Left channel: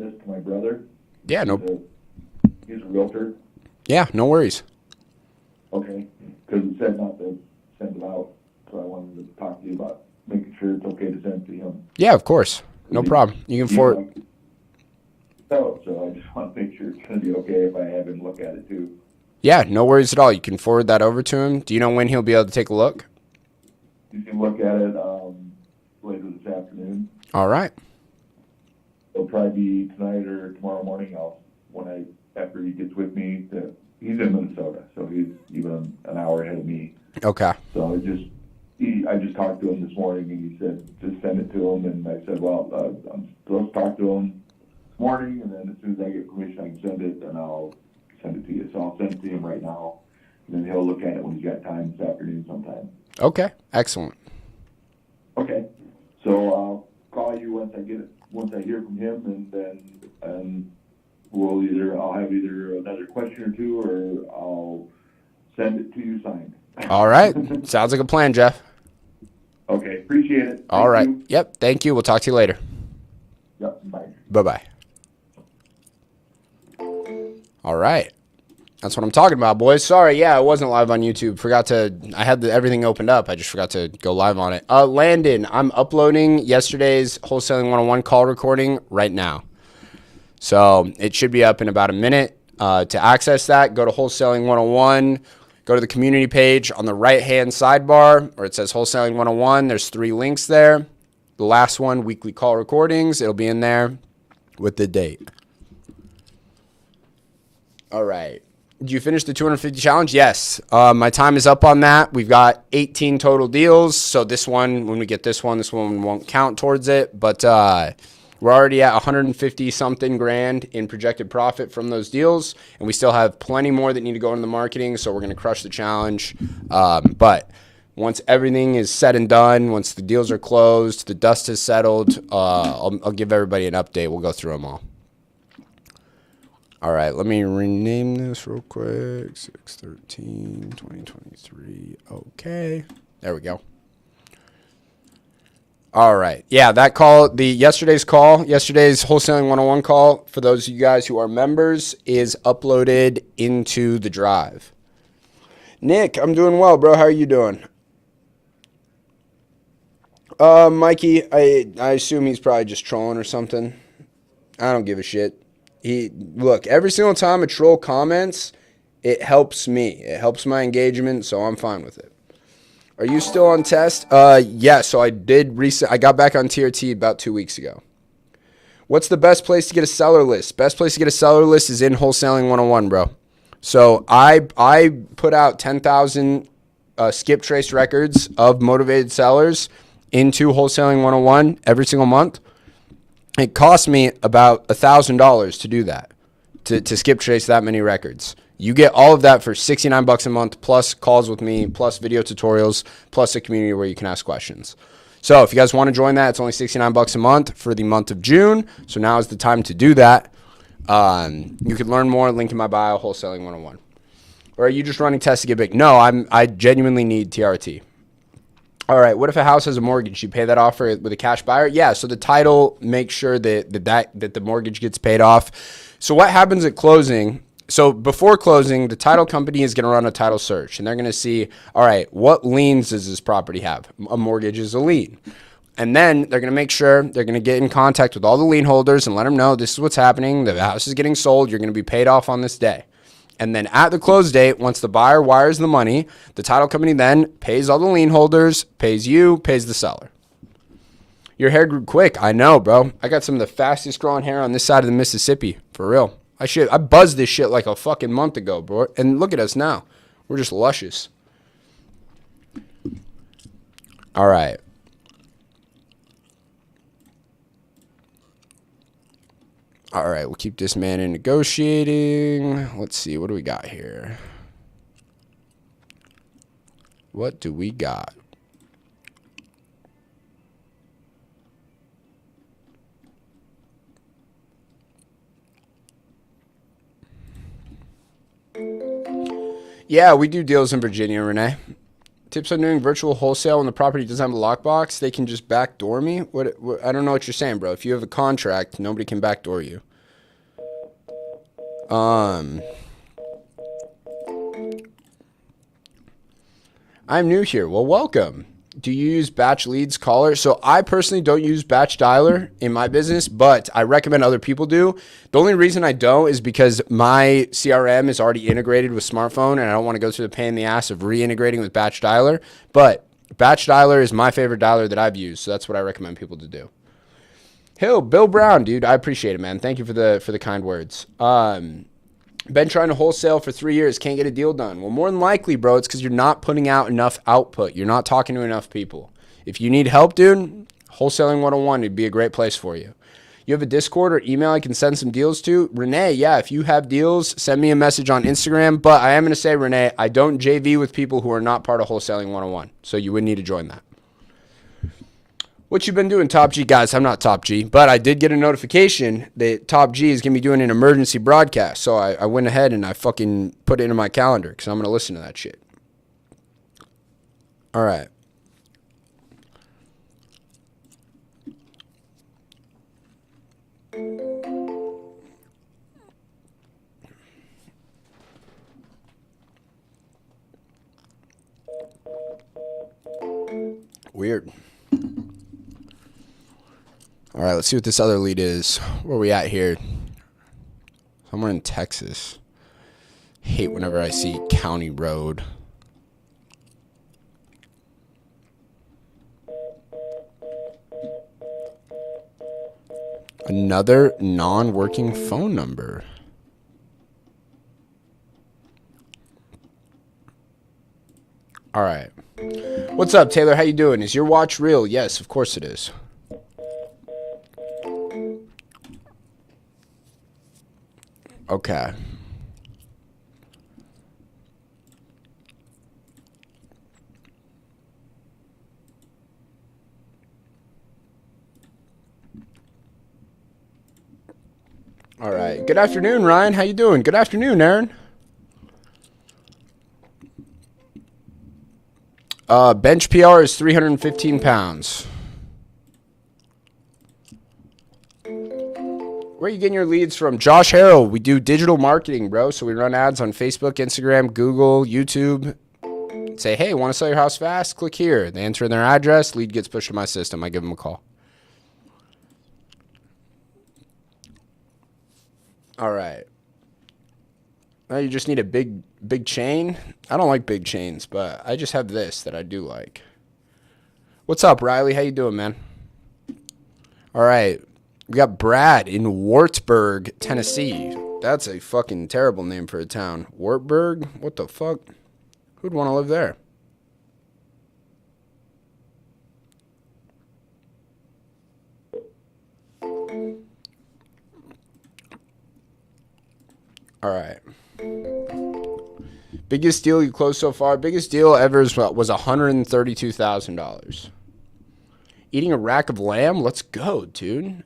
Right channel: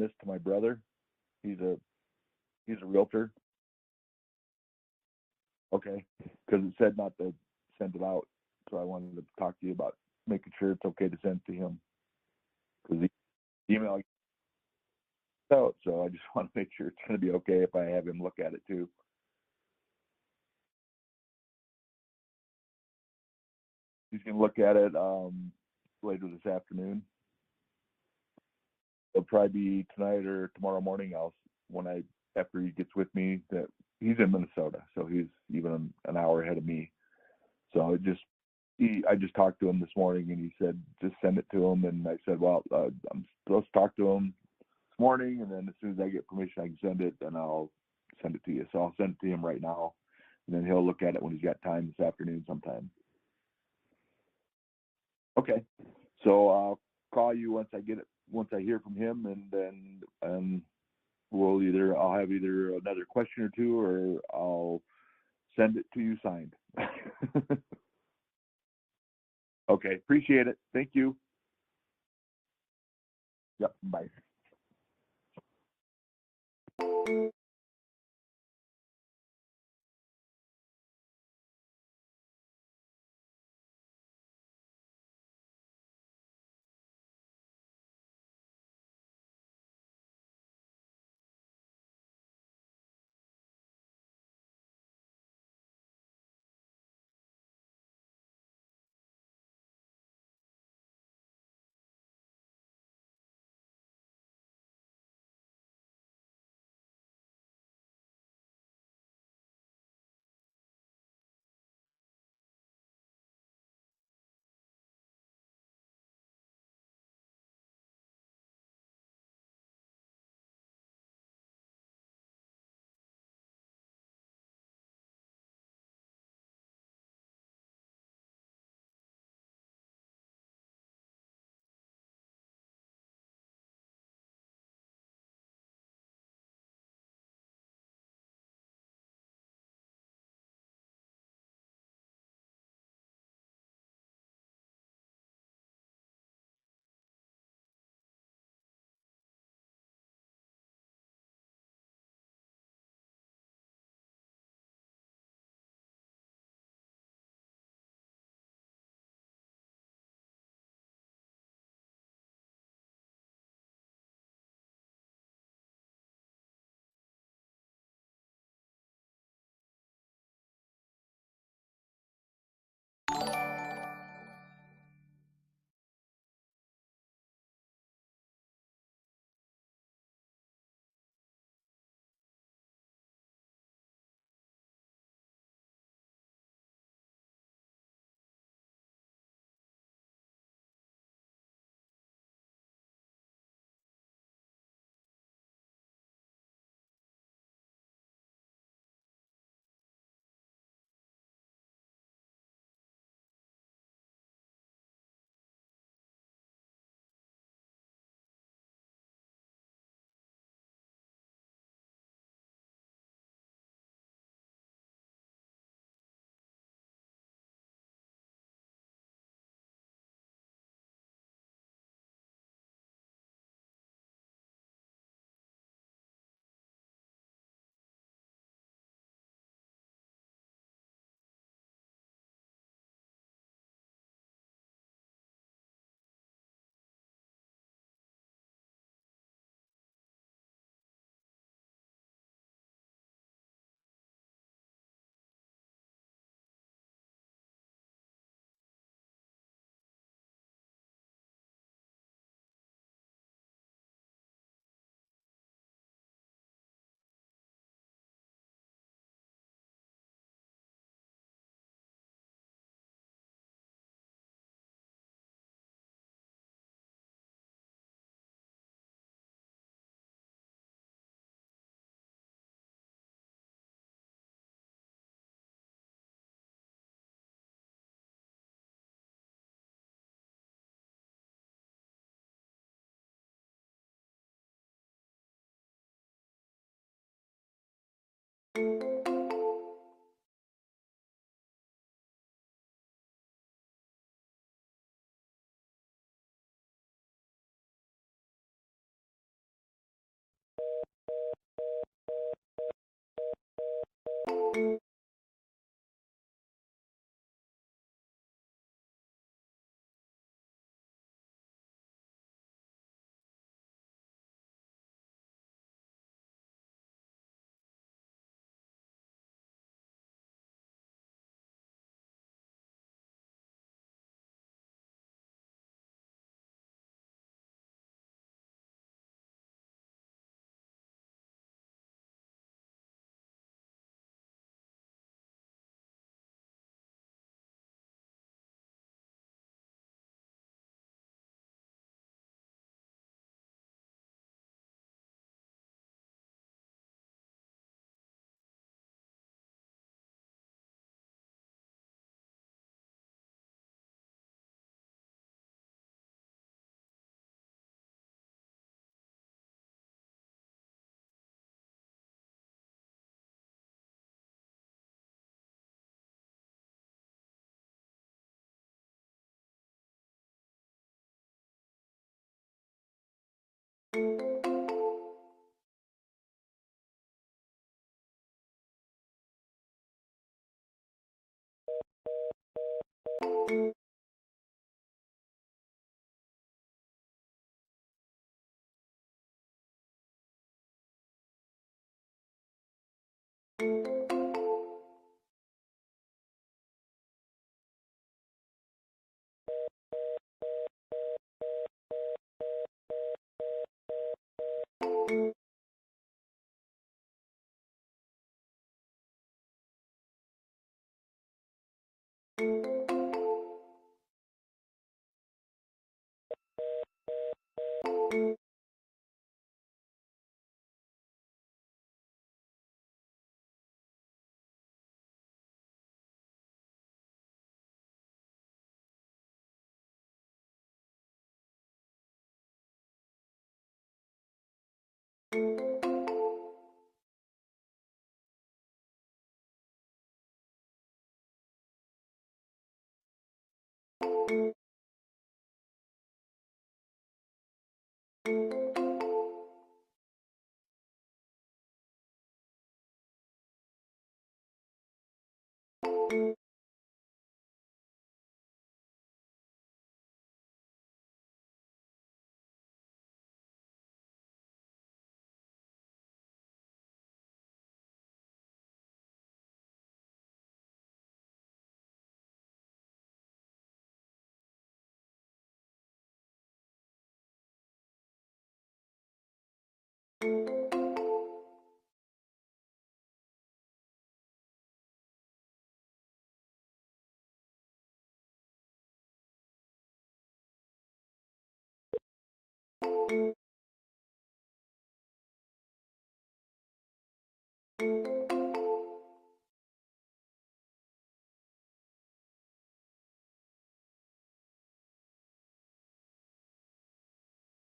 this to my brother. Yeah, no. He's a realtor. Yeah, no worries. Okay, because it said not to send it out, so I wanted to talk to you about making sure it's okay to send it to him. Yeah, of course. No problem. You can forward. So I just want to make sure it's going to be okay if I have him look at it too. Yeah, no worries at all. You can forward that over to him. Do you know when he'll be able to take a look? He's going to look at it later this afternoon. All right. It'll probably be tonight or tomorrow morning. After he gets with me, he's in Minnesota, so he's even an hour ahead of me. Okay. So I just talked to him this morning, and he said just send it to him. And I said, well, I'm supposed to talk to him this morning, and then as soon as I get permission, I can send it, and I'll send it to you. So I'll send it to him right now, and then he'll look at it when he's got time this afternoon sometime. Okay. Excellent. Okay. So I'll call you once I hear from him, and then I'll have either another question or two, or I'll send it to you signed. All right. Sounds like a plan, Jeff. Okay. Appreciate it. All right. Thank you. Yep. Thank you. We'll talk to you later. Yep. Bye. Bye-bye. All right. That's what I'm talking about, boys. Sorry, yeah, I wasn't live on YouTube. I had everything opened up. I just forgot to go live on it. Landon, I'm uploading yesterday's Wholesaling 101 call recording right now. So it should be up in about a minute. To access that, go to Wholesaling 101. Go to the community page on the right-hand sidebar where it says Wholesaling 101. There's 3 links there. The last one, weekly call recordings. It'll be in there with the date. All right. Did you finish the 250 challenge? Yes. My time is up on that. We've got 18 total deals. So this one, when we get this one won't count towards it. But we're already at 150 something grand in projected profit from those deals. And we still have plenty more that need to go into the marketing. So we're going to crush the challenge. But once everything is said and done, once the deals are closed, the dust has settled, I'll give everybody an update. We'll go through them all. All right, let me rename this real quick. 6/13/2023. Okay. There we go. All right. Yeah, that call, yesterday's Wholesaling 101 call, for those of you guys who are members, is uploaded into the drive. Nick, I'm doing well, bro. How are you doing? Mikey, I assume he's probably just trolling or something. I don't give a shit. Look, every single time a troll comments, it helps me. It helps my engagement, so I'm fine with it. Are you still on test? Yeah, so I got back on TRT about 2 weeks ago. What's the best place to get a seller list? Best place to get a seller list is in Wholesaling 101, bro. So I put out 10,000 skip trace records of motivated sellers into Wholesaling 101 every single month. It cost me about $1,000 to do that, to skip trace that many records. You get all of that for $69 a month, plus calls with me, plus video tutorials, plus a community where you can ask questions. So if you guys want to join that, it's only $69 a month for the month of June. So now is the time to do that. You can learn more, link in my bio, Wholesaling 101. Or are you just running tests to get big? No, I genuinely need TRT. All right, what if a house has a mortgage? You pay that off with a cash buyer? Yeah, so the title makes sure that the mortgage gets paid off. So what happens at closing? So before closing, the title company is going to run a title search, and they're going to see, all right, what liens does this property have? A mortgage is a lien. And then they're going to make sure they're going to get in contact with all the lien holders and let them know this is what's happening. The house is getting sold. You're going to be paid off on this day. And then at the close date, once the buyer wires the money, the title company then pays all the lien holders, pays you, pays the seller. Your hair grew quick. I know, bro. I got some of the fastest growing hair on this side of the Mississippi. For real. I buzzed this shit like a fucking month ago, bro. And look at us now. We're just luscious. All right. All right, we'll keep this man in negotiating. Let's see, what do we got here? What do we got? Yeah, we do deals in Virginia, Renee. Tips on doing virtual wholesale when the property doesn't have a lockbox. They can just backdoor me. What? I don't know what you're saying, bro. If you have a contract, nobody can backdoor you. I'm new here. Well, welcome. Do you use batch leads caller? So I personally don't use batch dialer in my business, but I recommend other people do. The only reason I don't is because my CRM is already integrated with smartphone, and I don't want to go through the pain in the ass of reintegrating with batch dialer. But batch dialer is my favorite dialer that I've used, so that's what I recommend people to do. Bill Brown, dude, I appreciate it, man. Thank you for the kind words. Been trying to wholesale for 3 years, can't get a deal done. Well, more than likely, bro, it's because you're not putting out enough output. You're not talking to enough people. If you need help, dude, Wholesaling 101 would be a great place for you. You have a Discord or email I can send some deals to? Renee, yeah, if you have deals, send me a message on Instagram. But I am going to say, Renee, I don't JV with people who are not part of Wholesaling 101. So you would need to join that. What you been doing, Top G? Guys, I'm not Top G, but I did get a notification that Top G is going to be doing an emergency broadcast. So I went ahead and I fucking put it into my calendar because I'm going to listen to that shit. All right. Weird. All right, let's see what this other lead is. Where are we at here? Somewhere in Texas. Hate whenever I see County Road. Another non-working phone number. All right. What's up, Taylor? How you doing? Is your watch real? Yes, of course it is. Okay. All right. Good afternoon, Ryan. How you doing? Good afternoon, Aaron. Bench PR is 315 pounds. Where are you getting your leads from? Josh Harrell. We do digital marketing, bro. So we run ads on Facebook, Instagram, Google, YouTube. Say, hey, want to sell your house fast? Click here. They enter their address. Lead gets pushed to my system. I give them a call. All right. Now you just need a big chain. I don't like big chains, but I just have this that I do like. What's up, Riley? How you doing, man? All right. We got Brad in Wartburg, Tennessee. That's a fucking terrible name for a town. Wartburg? What the fuck? Who'd want to live there? All right. Biggest deal you closed so far? Biggest deal ever was $132,000. Eating a rack of lamb? Let's go, dude.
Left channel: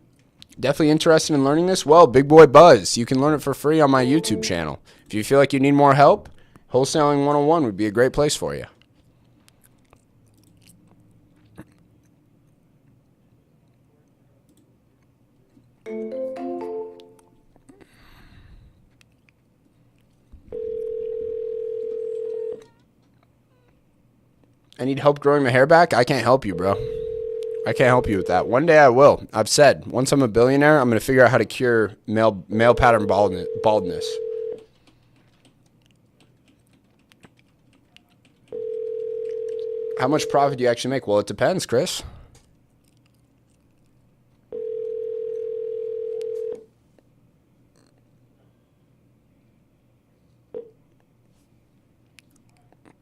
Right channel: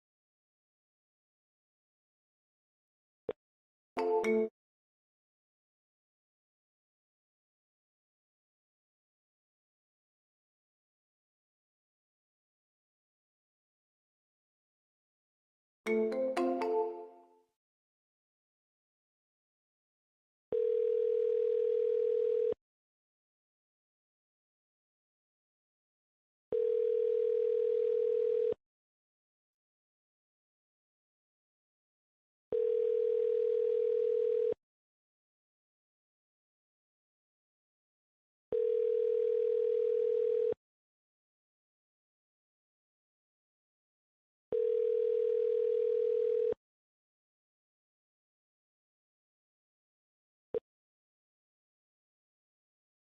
Definitely interested in learning this? Well, Big Boy Buzz. You can learn it for free on my YouTube channel. If you feel like you need more help, Wholesaling 101 would be a great place for you. I need help growing my hair back? I can't help you, bro. I can't help you with that. One day I will. I've said, once I'm a billionaire, I'm going to figure out how to cure male pattern baldness. How much profit do you actually make? Well, it depends, Chris.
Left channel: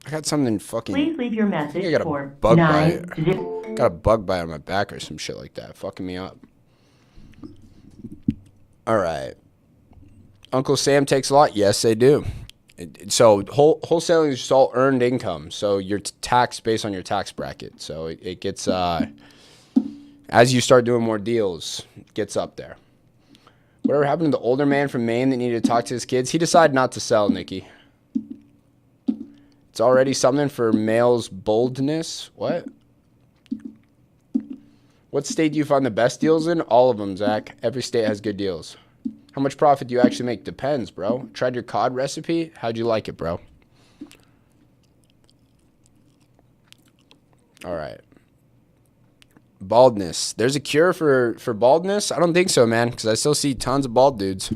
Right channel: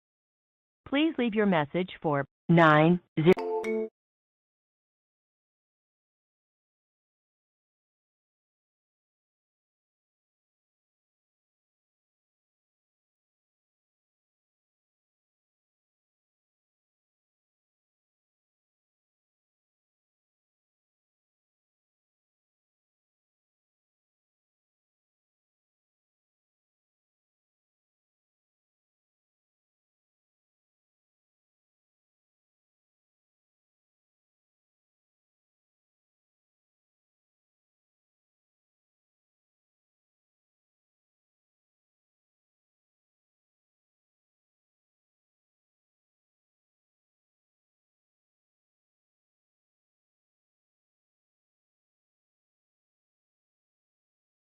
I got something fucking... Please leave your message for got a bug bite on my back or some shit like that. Fucking me up. All right. Uncle Sam takes a lot? Yes, they do. So wholesaling is just all earned income. So you're taxed based on your tax bracket. So it gets, as you start doing more deals, it gets up there. Whatever happened to the older man from Maine that needed to talk to his kids? He decided not to sell, Nikki. It's already something for males' boldness. What? What state do you find the best deals in? All of them, Zach. Every state has good deals. How much profit do you actually make? Depends, bro. Tried your cod recipe? How'd you like it, bro? All right. Baldness. There's a cure for baldness? I don't think so, man, because I still see tons of bald dudes.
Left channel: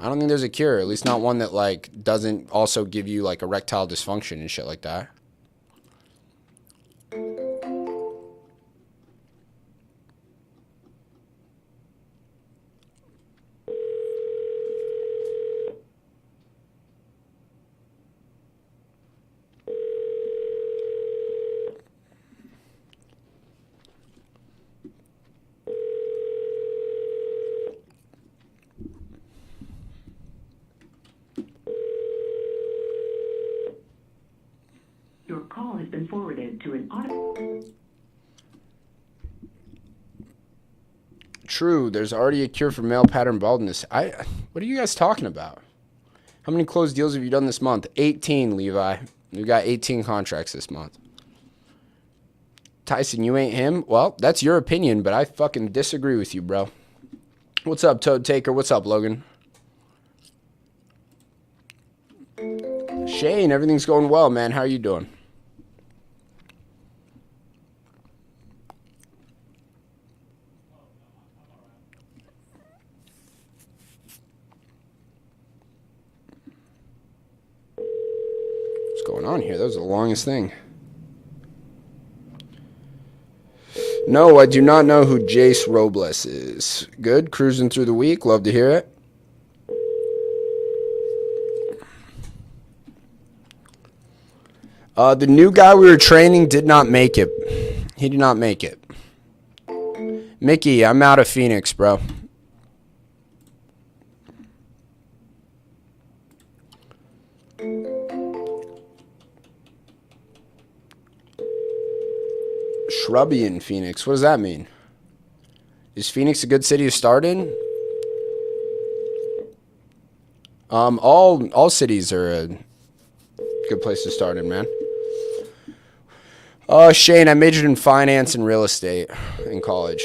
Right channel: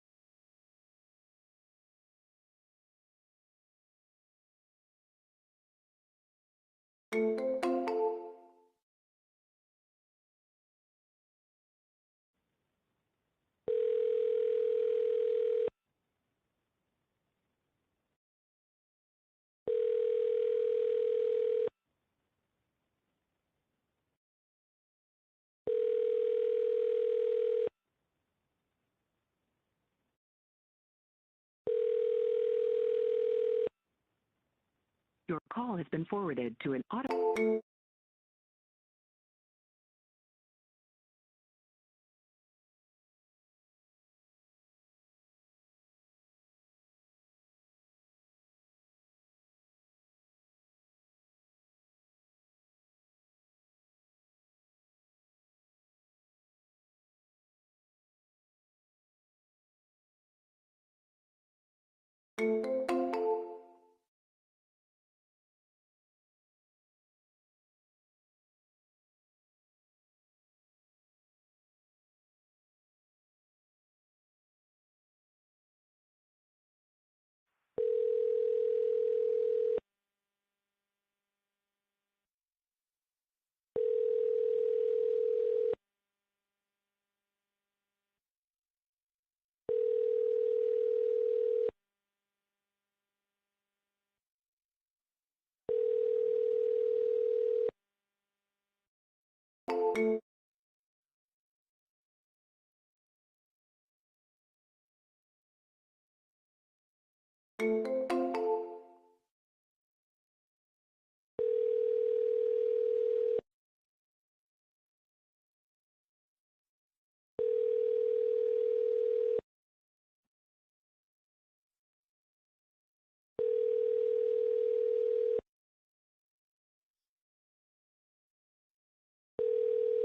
I don't think there's a cure, at least not one that, like, doesn't also give you, like, erectile dysfunction and shit like that. Your call has been forwarded to an auto. True, there's already a cure for male pattern baldness. What are you guys talking about? How many closed deals have you done this month? 18, Levi. We got 18 contracts this month. Tyson, you ain't him? Well, that's your opinion, but I fucking disagree with you, bro. What's up, Toad Taker? What's up, Logan? Shane, everything's going well, man. How are you doing? What's going on here? That was the longest thing. No, I do not know who Jace Robles is. Good, cruising through the week. Love to hear it. The new guy we were training did not make it. He did not make it. Mickey, I'm out of Phoenix, bro. Shrubby in Phoenix. What does that mean? Is Phoenix a good city to start in? All cities are a good place to start in, man. Shane, I majored in finance and real estate in college.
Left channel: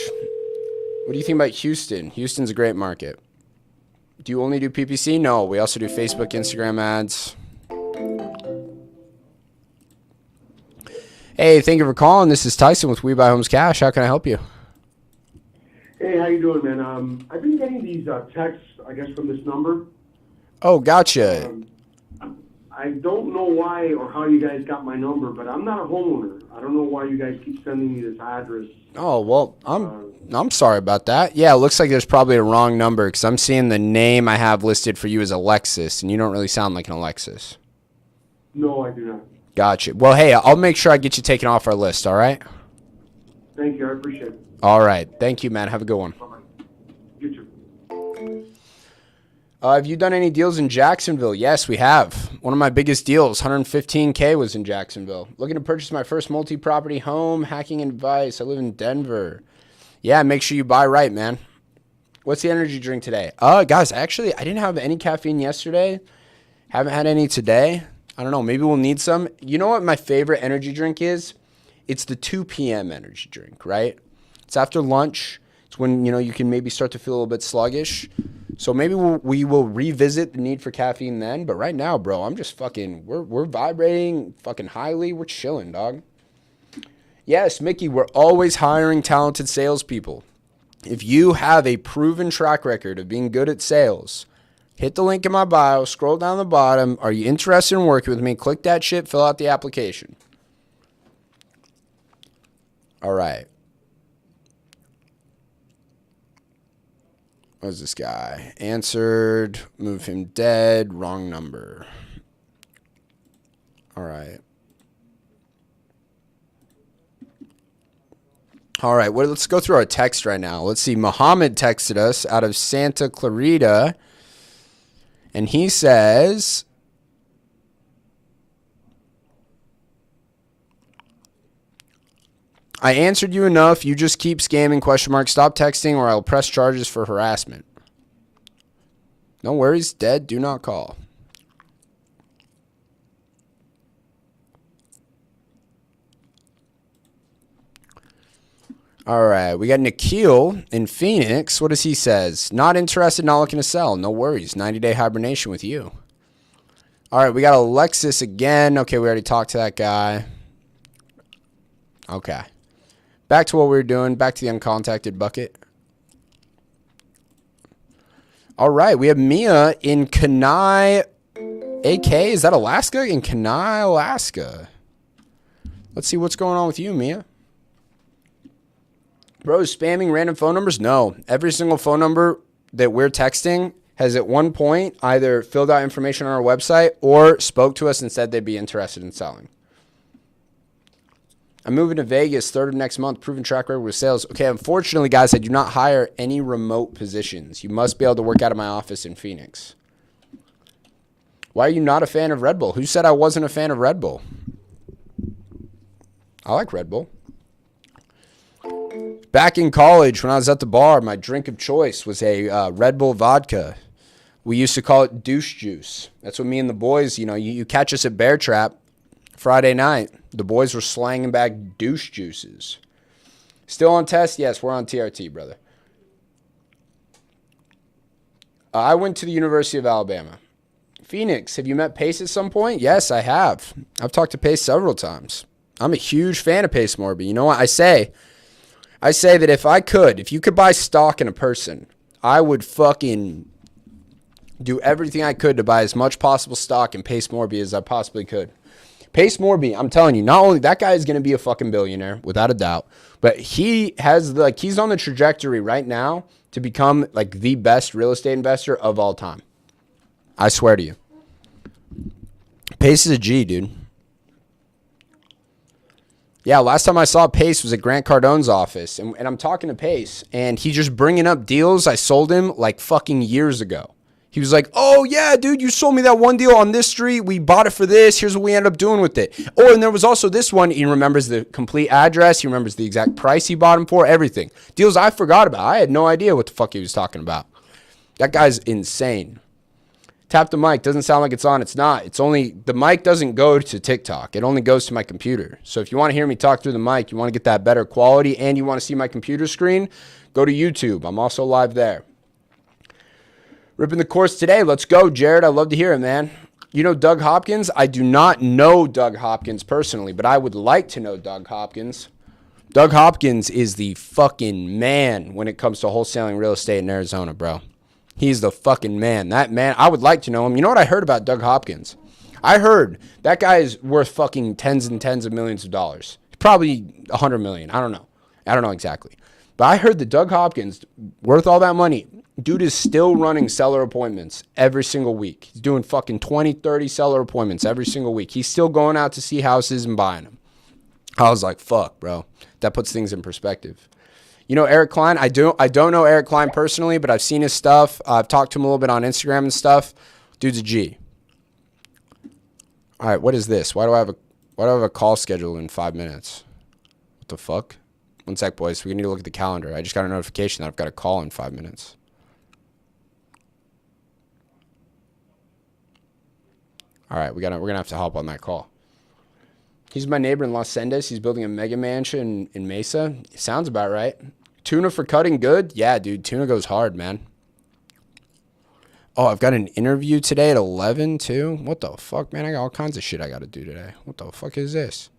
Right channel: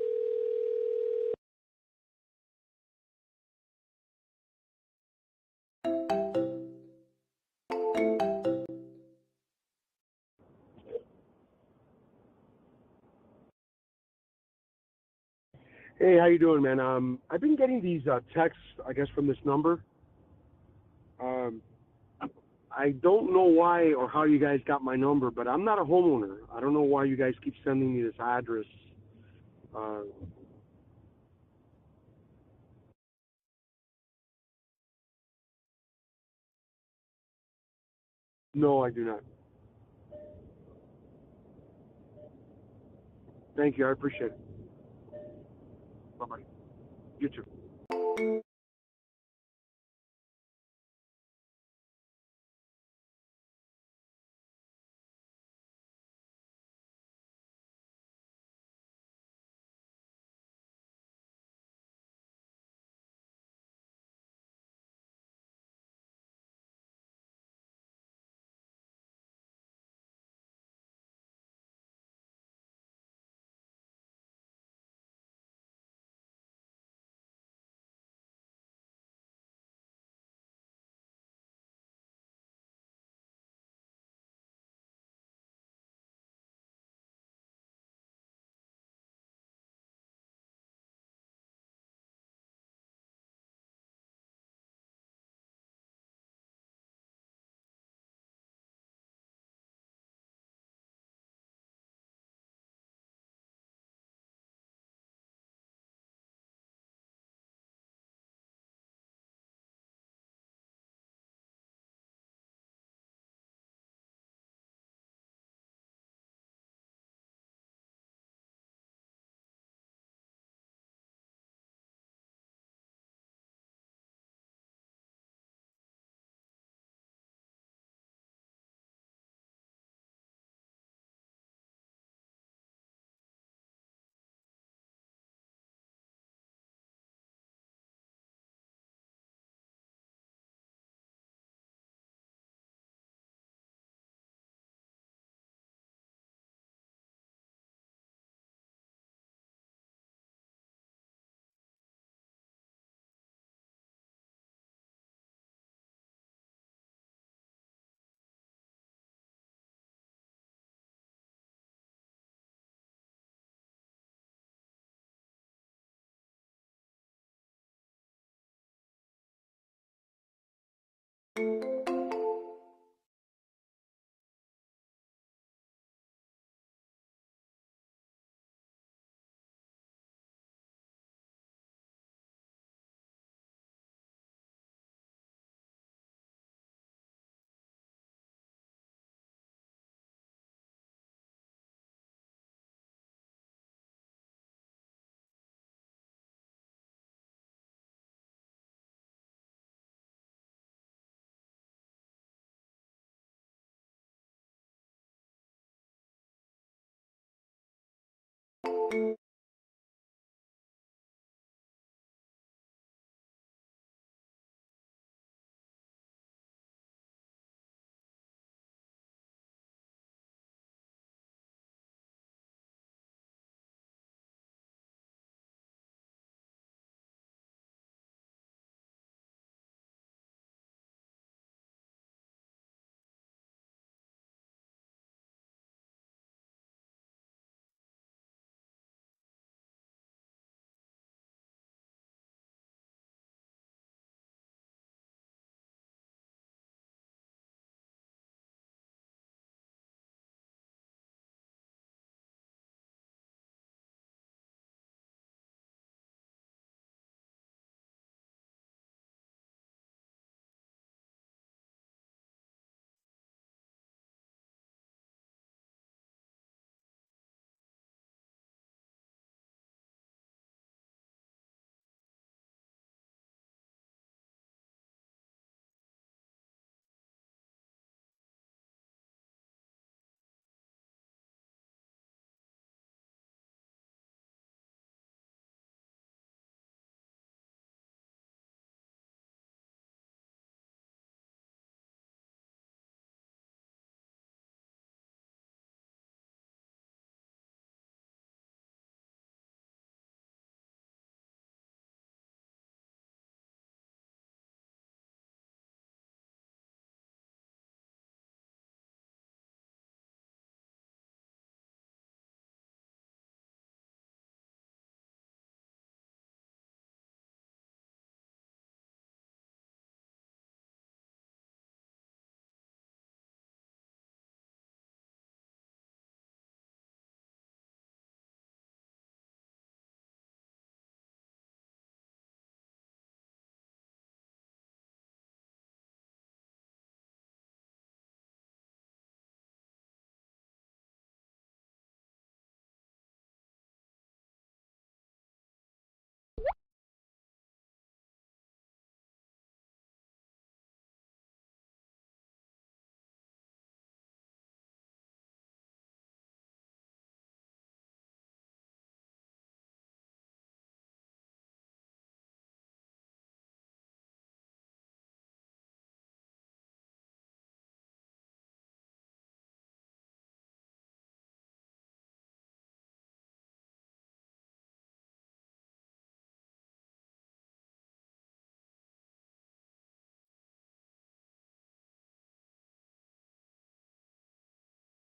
What do you think about Houston? Houston's a great market. Do you only do PPC? No, we also do Facebook, Instagram ads. Hey, thank you for calling. This is Tyson with We Buy Homes Cash. How can I help you? Hey, how you doing, man? I've been getting these texts, I guess, from this number. Oh, gotcha. I don't know why or how you guys got my number, but I'm not a homeowner. I don't know why you guys keep sending me this address. Oh, well, I'm sorry about that. Yeah, it looks like there's probably a wrong number because I'm seeing the name I have listed for you as Alexis, and you don't really sound like an Alexis. No, I do not. Gotcha. Well, hey, I'll make sure I get you taken off our list, all right? Thank you. I appreciate it. All right. Thank you, man. Have a good one. Bye-bye. You too. Have you done any deals in Jacksonville? Yes, we have. One of my biggest deals, $115K, was in Jacksonville. Looking to purchase my first multi-property home, hacking advice. I live in Denver. Yeah, make sure you buy right, man. What's the energy drink today? Guys, actually, I didn't have any caffeine yesterday. Haven't had any today. I don't know. Maybe we'll need some. You know what my favorite energy drink is? It's the 2 p.m. energy drink, right? It's after lunch. It's when, you can maybe start to feel a little bit sluggish. So maybe we will revisit the need for caffeine then. But right now, bro, I'm just we're vibrating fucking highly. We're chilling, dog. Yes, Mickey, we're always hiring talented salespeople. If you have a proven track record of being good at sales, hit the link in my bio, scroll down the bottom. Are you interested in working with me? Click that shit, fill out the application. All right. What's this guy? Answered, move him dead, wrong number. All right. All right, well, let's go through our text right now. Let's see. Muhammad texted us out of Santa Clarita, and he says, I answered you enough. You just keep scamming, ? Stop texting or I'll press charges for harassment. No worries. Dead. Do not call. All right, we got Nikhil in Phoenix. What does he says? Not interested, not looking to sell. No worries. 90-day hibernation with you. All right, we got Alexis again. Okay, we already talked to that guy. Okay. Back to what we were doing. Back to the uncontacted bucket. All right, we have Mia in Kenai, AK. Is that Alaska? In Kenai, Alaska. Let's see what's going on with you, Mia. Bro, spamming random phone numbers? No. Every single phone number that we're texting has at one point either filled out information on our website or spoke to us and said they'd be interested in selling. I'm moving to Vegas 3rd of next month, proven track record with sales. Okay, unfortunately, guys, I do not hire any remote positions. You must be able to work out of my office in Phoenix. Why are you not a fan of Red Bull? Who said I wasn't a fan of Red Bull? I like Red Bull. Back in college, when I was at the bar, my drink of choice was a Red Bull vodka. We used to call it douche juice. That's what me and the boys, you catch us at Bear Trap Friday night. The boys were slanging back douche juices. Still on test? Yes, we're on TRT, brother. I went to the University of Alabama. Phoenix, have you met Pace at some point? Yes, I have. I've talked to Pace several times. I'm a huge fan of Pace Morby. You know what I say? I say that if you could buy stock in a person, I would fucking do everything I could to buy as much possible stock in Pace Morby as I possibly could. Pace Morby, I'm telling you, not only that guy is going to be a fucking billionaire without a doubt, but he's on the trajectory right now to become like the best real estate investor of all time. I swear to you. Pace is a G, dude. Yeah, last time I saw Pace was at Grant Cardone's office, and I'm talking to Pace, and he's just bringing up deals I sold him like fucking years ago. He was like, oh, yeah, dude, you sold me that one deal on this street. We bought it for this. Here's what we ended up doing with it. Oh, and there was also this one. He remembers the complete address. He remembers the exact price he bought him for, everything. Deals I forgot about. I had no idea what the fuck he was talking about. That guy's insane. Tap the mic. Doesn't sound like it's on. It's not. It's only, the mic doesn't go to TikTok. It only goes to my computer. So if you want to hear me talk through the mic, you want to get that better quality, and you want to see my computer screen, go to YouTube. I'm also live there. Ripping the course today. Let's go, Jared. I'd love to hear it, man. You know Doug Hopkins? I do not know Doug Hopkins personally, but I would like to know Doug Hopkins. Doug Hopkins is the fucking man when it comes to wholesaling real estate in Arizona, bro. He's the fucking man. That man, I would like to know him. You know what I heard about Doug Hopkins? I heard that guy is worth fucking tens and tens of millions of dollars. Probably 100 million. I don't know. I don't know exactly. But I heard that Doug Hopkins, worth all that money, dude is still running seller appointments every single week. He's doing fucking 20, 30 seller appointments every single week. He's still going out to see houses and buying them. I was like, fuck, bro. That puts things in perspective. You know Eric Klein? I don't know Eric Klein personally, but I've seen his stuff. I've talked to him a little bit on Instagram and stuff. Dude's a G. All right, what is this? Why do I have a call scheduled in 5 minutes? What the fuck? One sec, boys. We need to look at the calendar. I just got a notification that I've got a call in 5 minutes. All right, we're gonna have to hop on that call. He's my neighbor in Los Sendes. He's building a mega mansion in Mesa. Sounds about right. Tuna for cutting good? Yeah, dude. Tuna goes hard, man. Oh, I've got an interview today at 11, too. What the fuck, man? I got all kinds of shit I got to do today. What the fuck is this?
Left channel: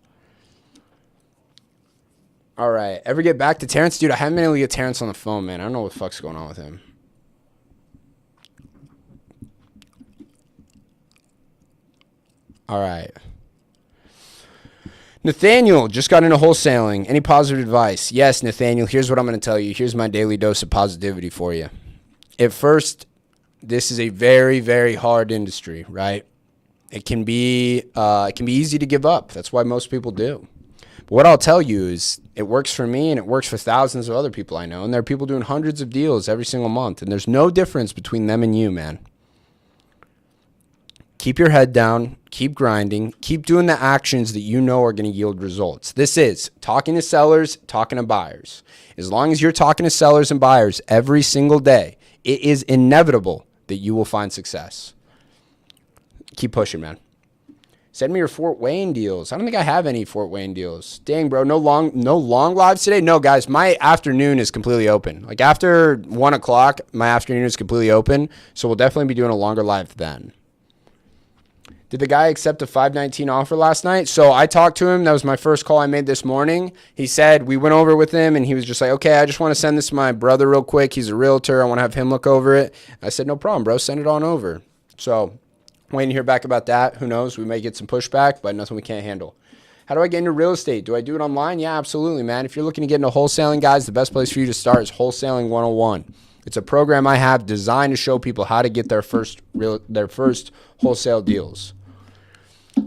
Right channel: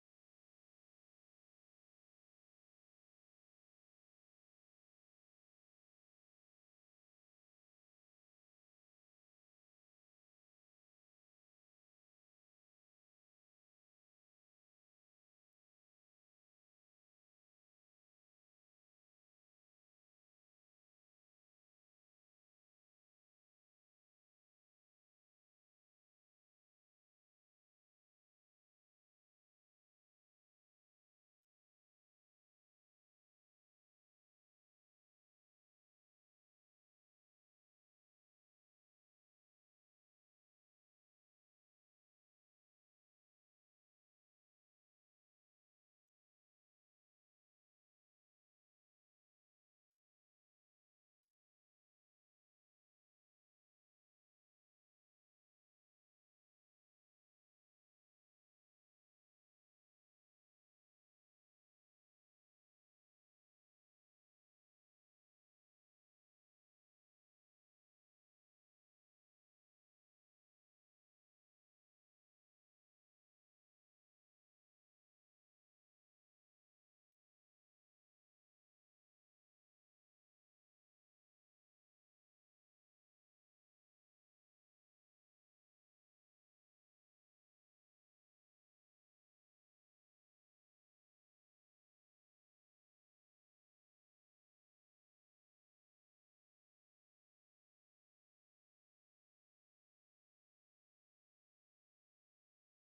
All right. Ever get back to Terrence? Dude, I haven't been able to get Terrence on the phone, man. I don't know what the fuck's going on with him. All right. Nathaniel just got into wholesaling. Any positive advice? Yes, Nathaniel. Here's what I'm going to tell you. Here's my daily dose of positivity for you. At first, this is a very, very hard industry, right? It can be easy to give up. That's why most people do. But what I'll tell you is it works for me and it works for thousands of other people I know. And there are people doing hundreds of deals every single month. And there's no difference between them and you, man. Keep your head down, keep grinding, keep doing the actions that you know are going to yield results. This is talking to sellers, talking to buyers. As long as you're talking to sellers and buyers every single day, it is inevitable that you will find success. Keep pushing, man. Send me your Fort Wayne deals. I don't think I have any Fort Wayne deals. Dang, bro. No long lives today. No, guys, my afternoon is completely open. Like after 1 o'clock, my afternoon is completely open. So we'll definitely be doing a longer live then. Did the guy accept a 519 offer last night? So I talked to him. That was my first call I made this morning. He said, we went over with him and he was just like, okay, I just want to send this to my brother real quick. He's a realtor. I want to have him look over it. I said, no problem, bro. Send it on over. So waiting to hear back about that. Who knows? We may get some pushback, but nothing we can't handle. How do I get into real estate? Do I do it online? Yeah, absolutely, man. If you're looking to get into wholesaling, guys, the best place for you to start is Wholesaling 101. It's a program I have designed to show people how to get their first wholesale deals.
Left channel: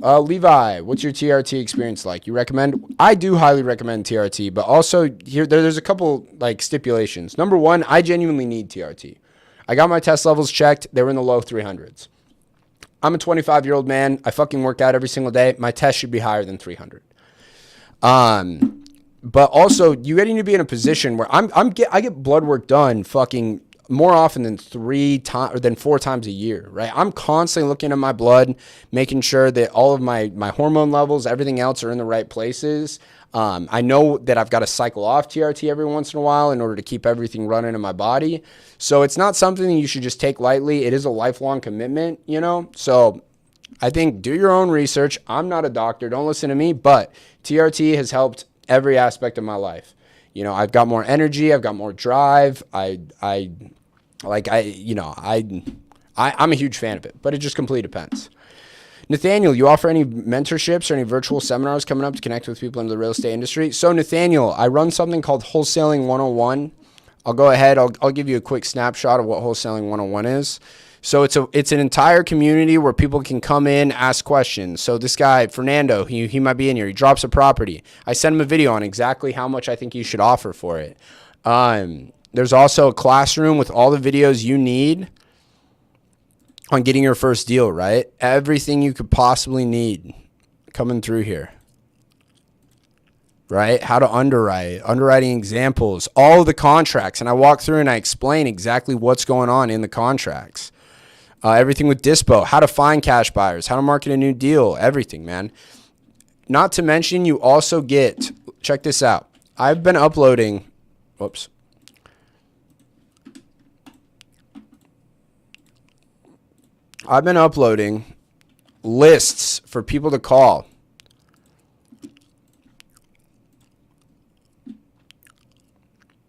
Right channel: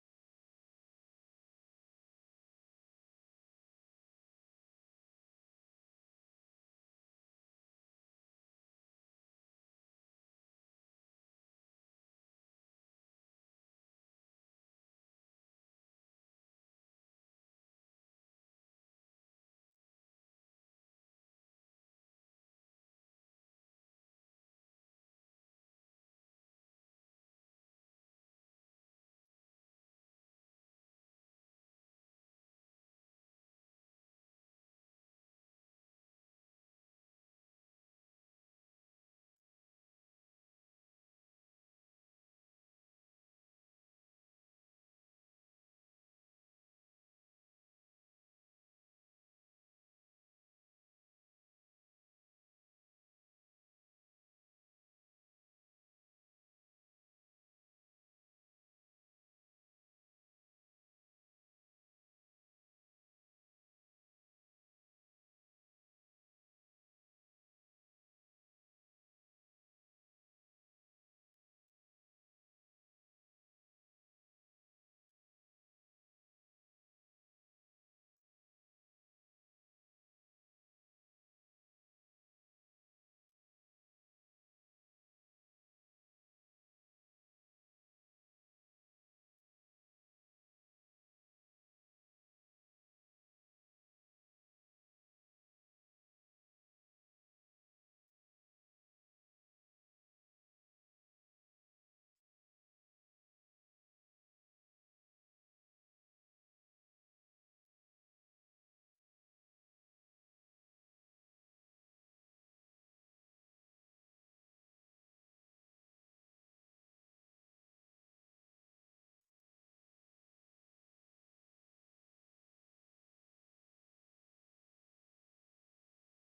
Levi, what's your TRT experience like? You recommend? I do highly recommend TRT, but also there's a couple like stipulations. Number one, I genuinely need TRT. I got my test levels checked. They were in the low 300s. I'm a 25-year-old man. I fucking work out every single day. My test should be higher than 300. But also, you need to be in a position where I get blood work done fucking more often than 4 times a year, right? I'm constantly looking at my blood, making sure that all of my hormone levels, everything else are in the right places. I know that I've got to cycle off TRT every once in a while in order to keep everything running in my body. So it's not something you should just take lightly. It is a lifelong commitment, you know? So I think do your own research. I'm not a doctor. Don't listen to me, but TRT has helped every aspect of my life. You know, I've got more energy. I've got more drive. I'm a huge fan of it, but it just completely depends. Nathaniel, you offer any mentorships or any virtual seminars coming up to connect with people in the real estate industry? So Nathaniel, I run something called Wholesaling 101. I'll go ahead. I'll give you a quick snapshot of what Wholesaling 101 is. So it's an entire community where people can come in, ask questions. So this guy, Fernando, he might be in here. He drops a property. I send him a video on exactly how much I think you should offer for it. There's also a classroom with all the videos you need on getting your first deal, right? Everything you could possibly need coming through here, right? How to underwrite, underwriting examples, all of the contracts. And I walk through and I explain exactly what's going on in the contracts. Everything with Dispo, how to find cash buyers, how to market a new deal, everything, man. Not to mention, you also get, check this out. I've been uploading, whoops. I've been uploading lists for people to call.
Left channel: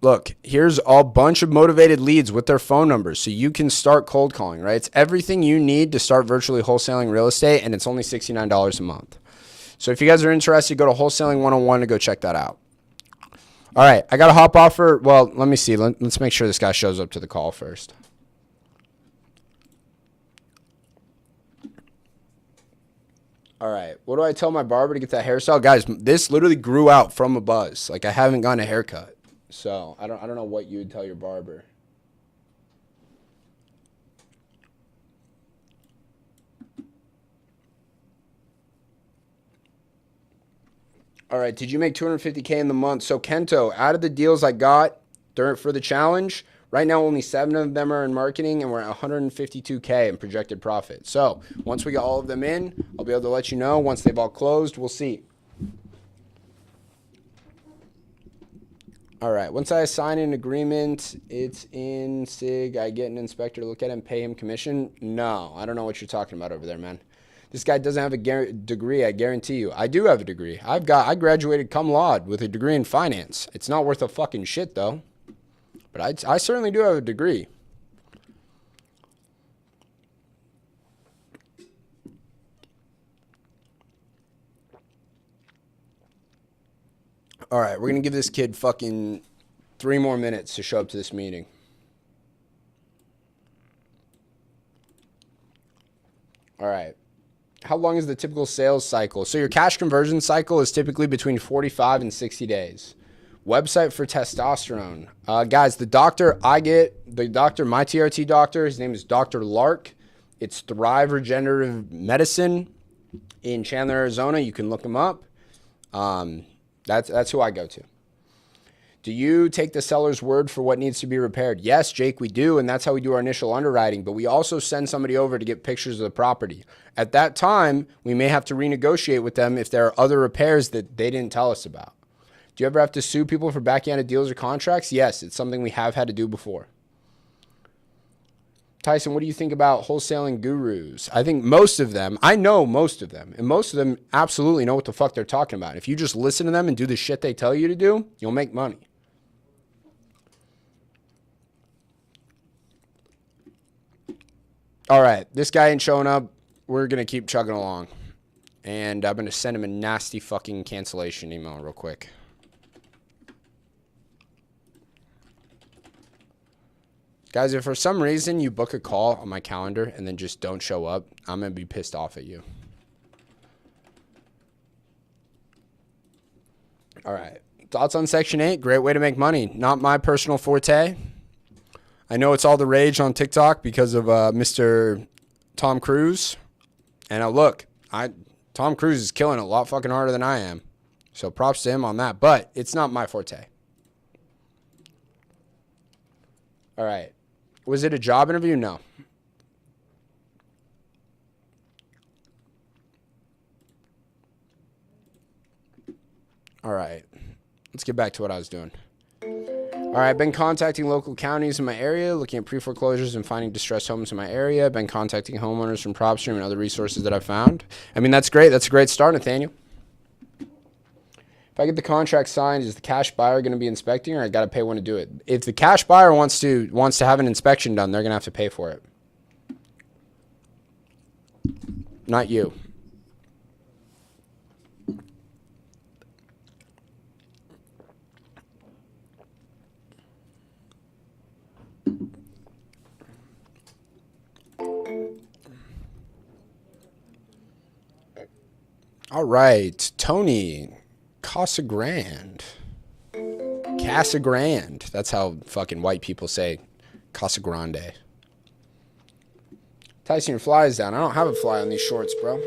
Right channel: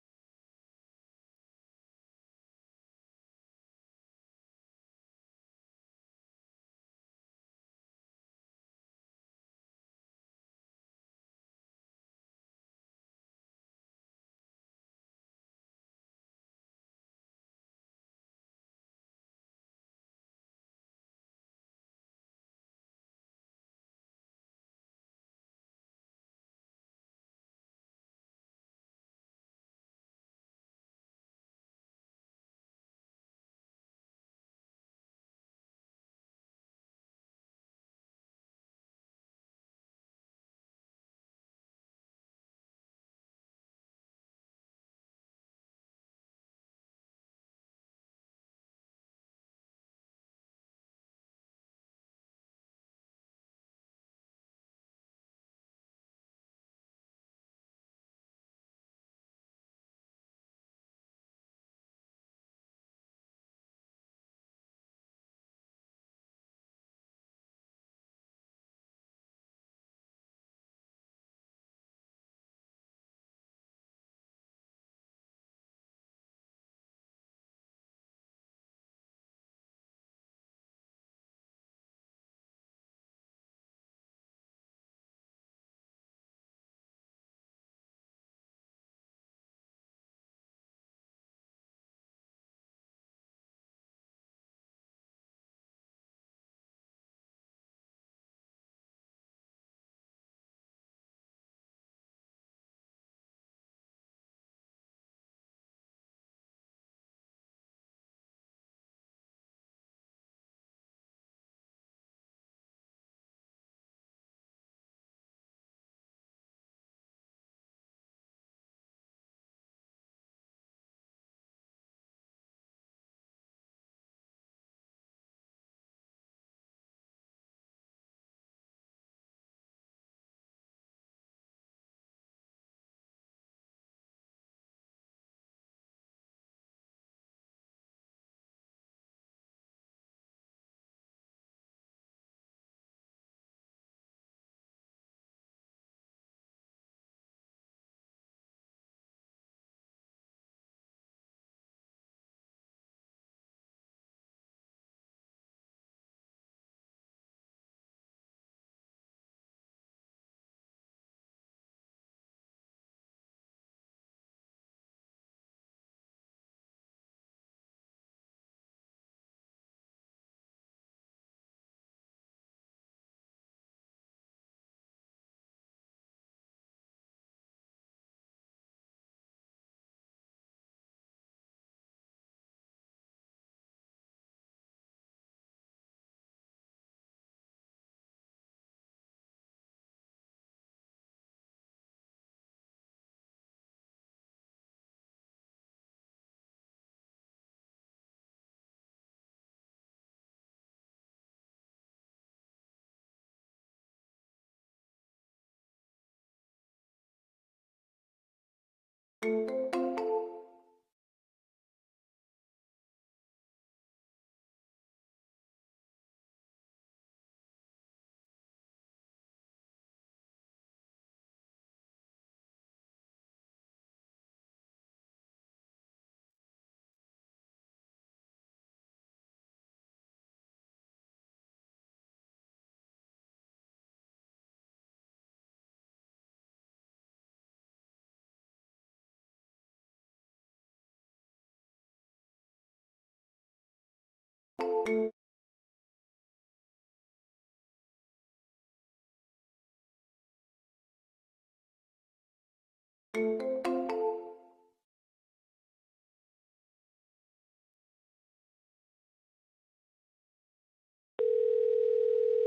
Look, here's a bunch of motivated leads with their phone numbers so you can start cold calling, right? It's everything you need to start virtually wholesaling real estate, and it's only $69 a month. So if you guys are interested, go to Wholesaling 101 to go check that out. All right, I got to hop off for, well, let me see. Let's make sure this guy shows up to the call first. All right, what do I tell my barber to get that hairstyle? Guys, this literally grew out from a buzz. Like, I haven't gotten a haircut. So I don't know what you would tell your barber. All right, did you make $250K in the month? So Kento, out of the deals I got for the challenge, right now only 7 of them are in marketing, and we're at $152K in projected profit. So once we get all of them in, I'll be able to let you know. Once they've all closed, we'll see. All right, once I sign an agreement, it's in SIG. I get an inspector to look at it and pay him commission. No, I don't know what you're talking about over there, man. This guy doesn't have a degree, I guarantee you. I do have a degree. I graduated cum laude with a degree in finance. It's not worth a fucking shit, though. But I certainly do have a degree. All right, we're going to give this kid fucking 3 more minutes to show up to this meeting. All right. How long is the typical sales cycle? So your cash conversion cycle is typically between 45 and 60 days. Website for testosterone. Guys, the doctor my TRT doctor, his name is Dr. Lark. It's Thrive Regenerative Medicine in Chandler, Arizona. You can look him up. That's who I go to. Do you take the seller's word for what needs to be repaired? Yes, Jake, we do, and that's how we do our initial underwriting, but we also send somebody over to get pictures of the property. At that time, we may have to renegotiate with them if there are other repairs that they didn't tell us about. Do you ever have to sue people for backhanded deals or contracts? Yes, it's something we have had to do before. Tyson, what do you think about wholesaling gurus? I think most of them, I know most of them, and most of them absolutely know what the fuck they're talking about. If you just listen to them and do the shit they tell you to do, you'll make money. All right, this guy ain't showing up. We're going to keep chugging along. And I'm going to send him a nasty fucking cancellation email real quick. Guys, if for some reason you book a call on my calendar and then just don't show up, I'm going to be pissed off at you. All right. Thoughts on Section 8? Great way to make money. Not my personal forte. I know it's all the rage on TikTok because of Mr. Tom Cruise. And now look, Tom Cruise is killing it a lot fucking harder than I am. So props to him on that. But it's not my forte. All right. Was it a job interview? No. All right. Let's get back to what I was doing. All right, I've been contacting local counties in my area, looking at pre-foreclosures and finding distressed homes in my area. I've been contacting homeowners from PropStream and other resources that I've found. I mean, that's great. That's a great start, Nathaniel. If I get the contract signed, is the cash buyer going to be inspecting, or I got to pay one to do it? If the cash buyer wants to have an inspection done, they're going to have to pay for it. Not you. All right, Tony Casagrande. Casagrande. That's how fucking white people say Casagrande. Tyson, your fly is down. I don't have a fly on these shorts, bro.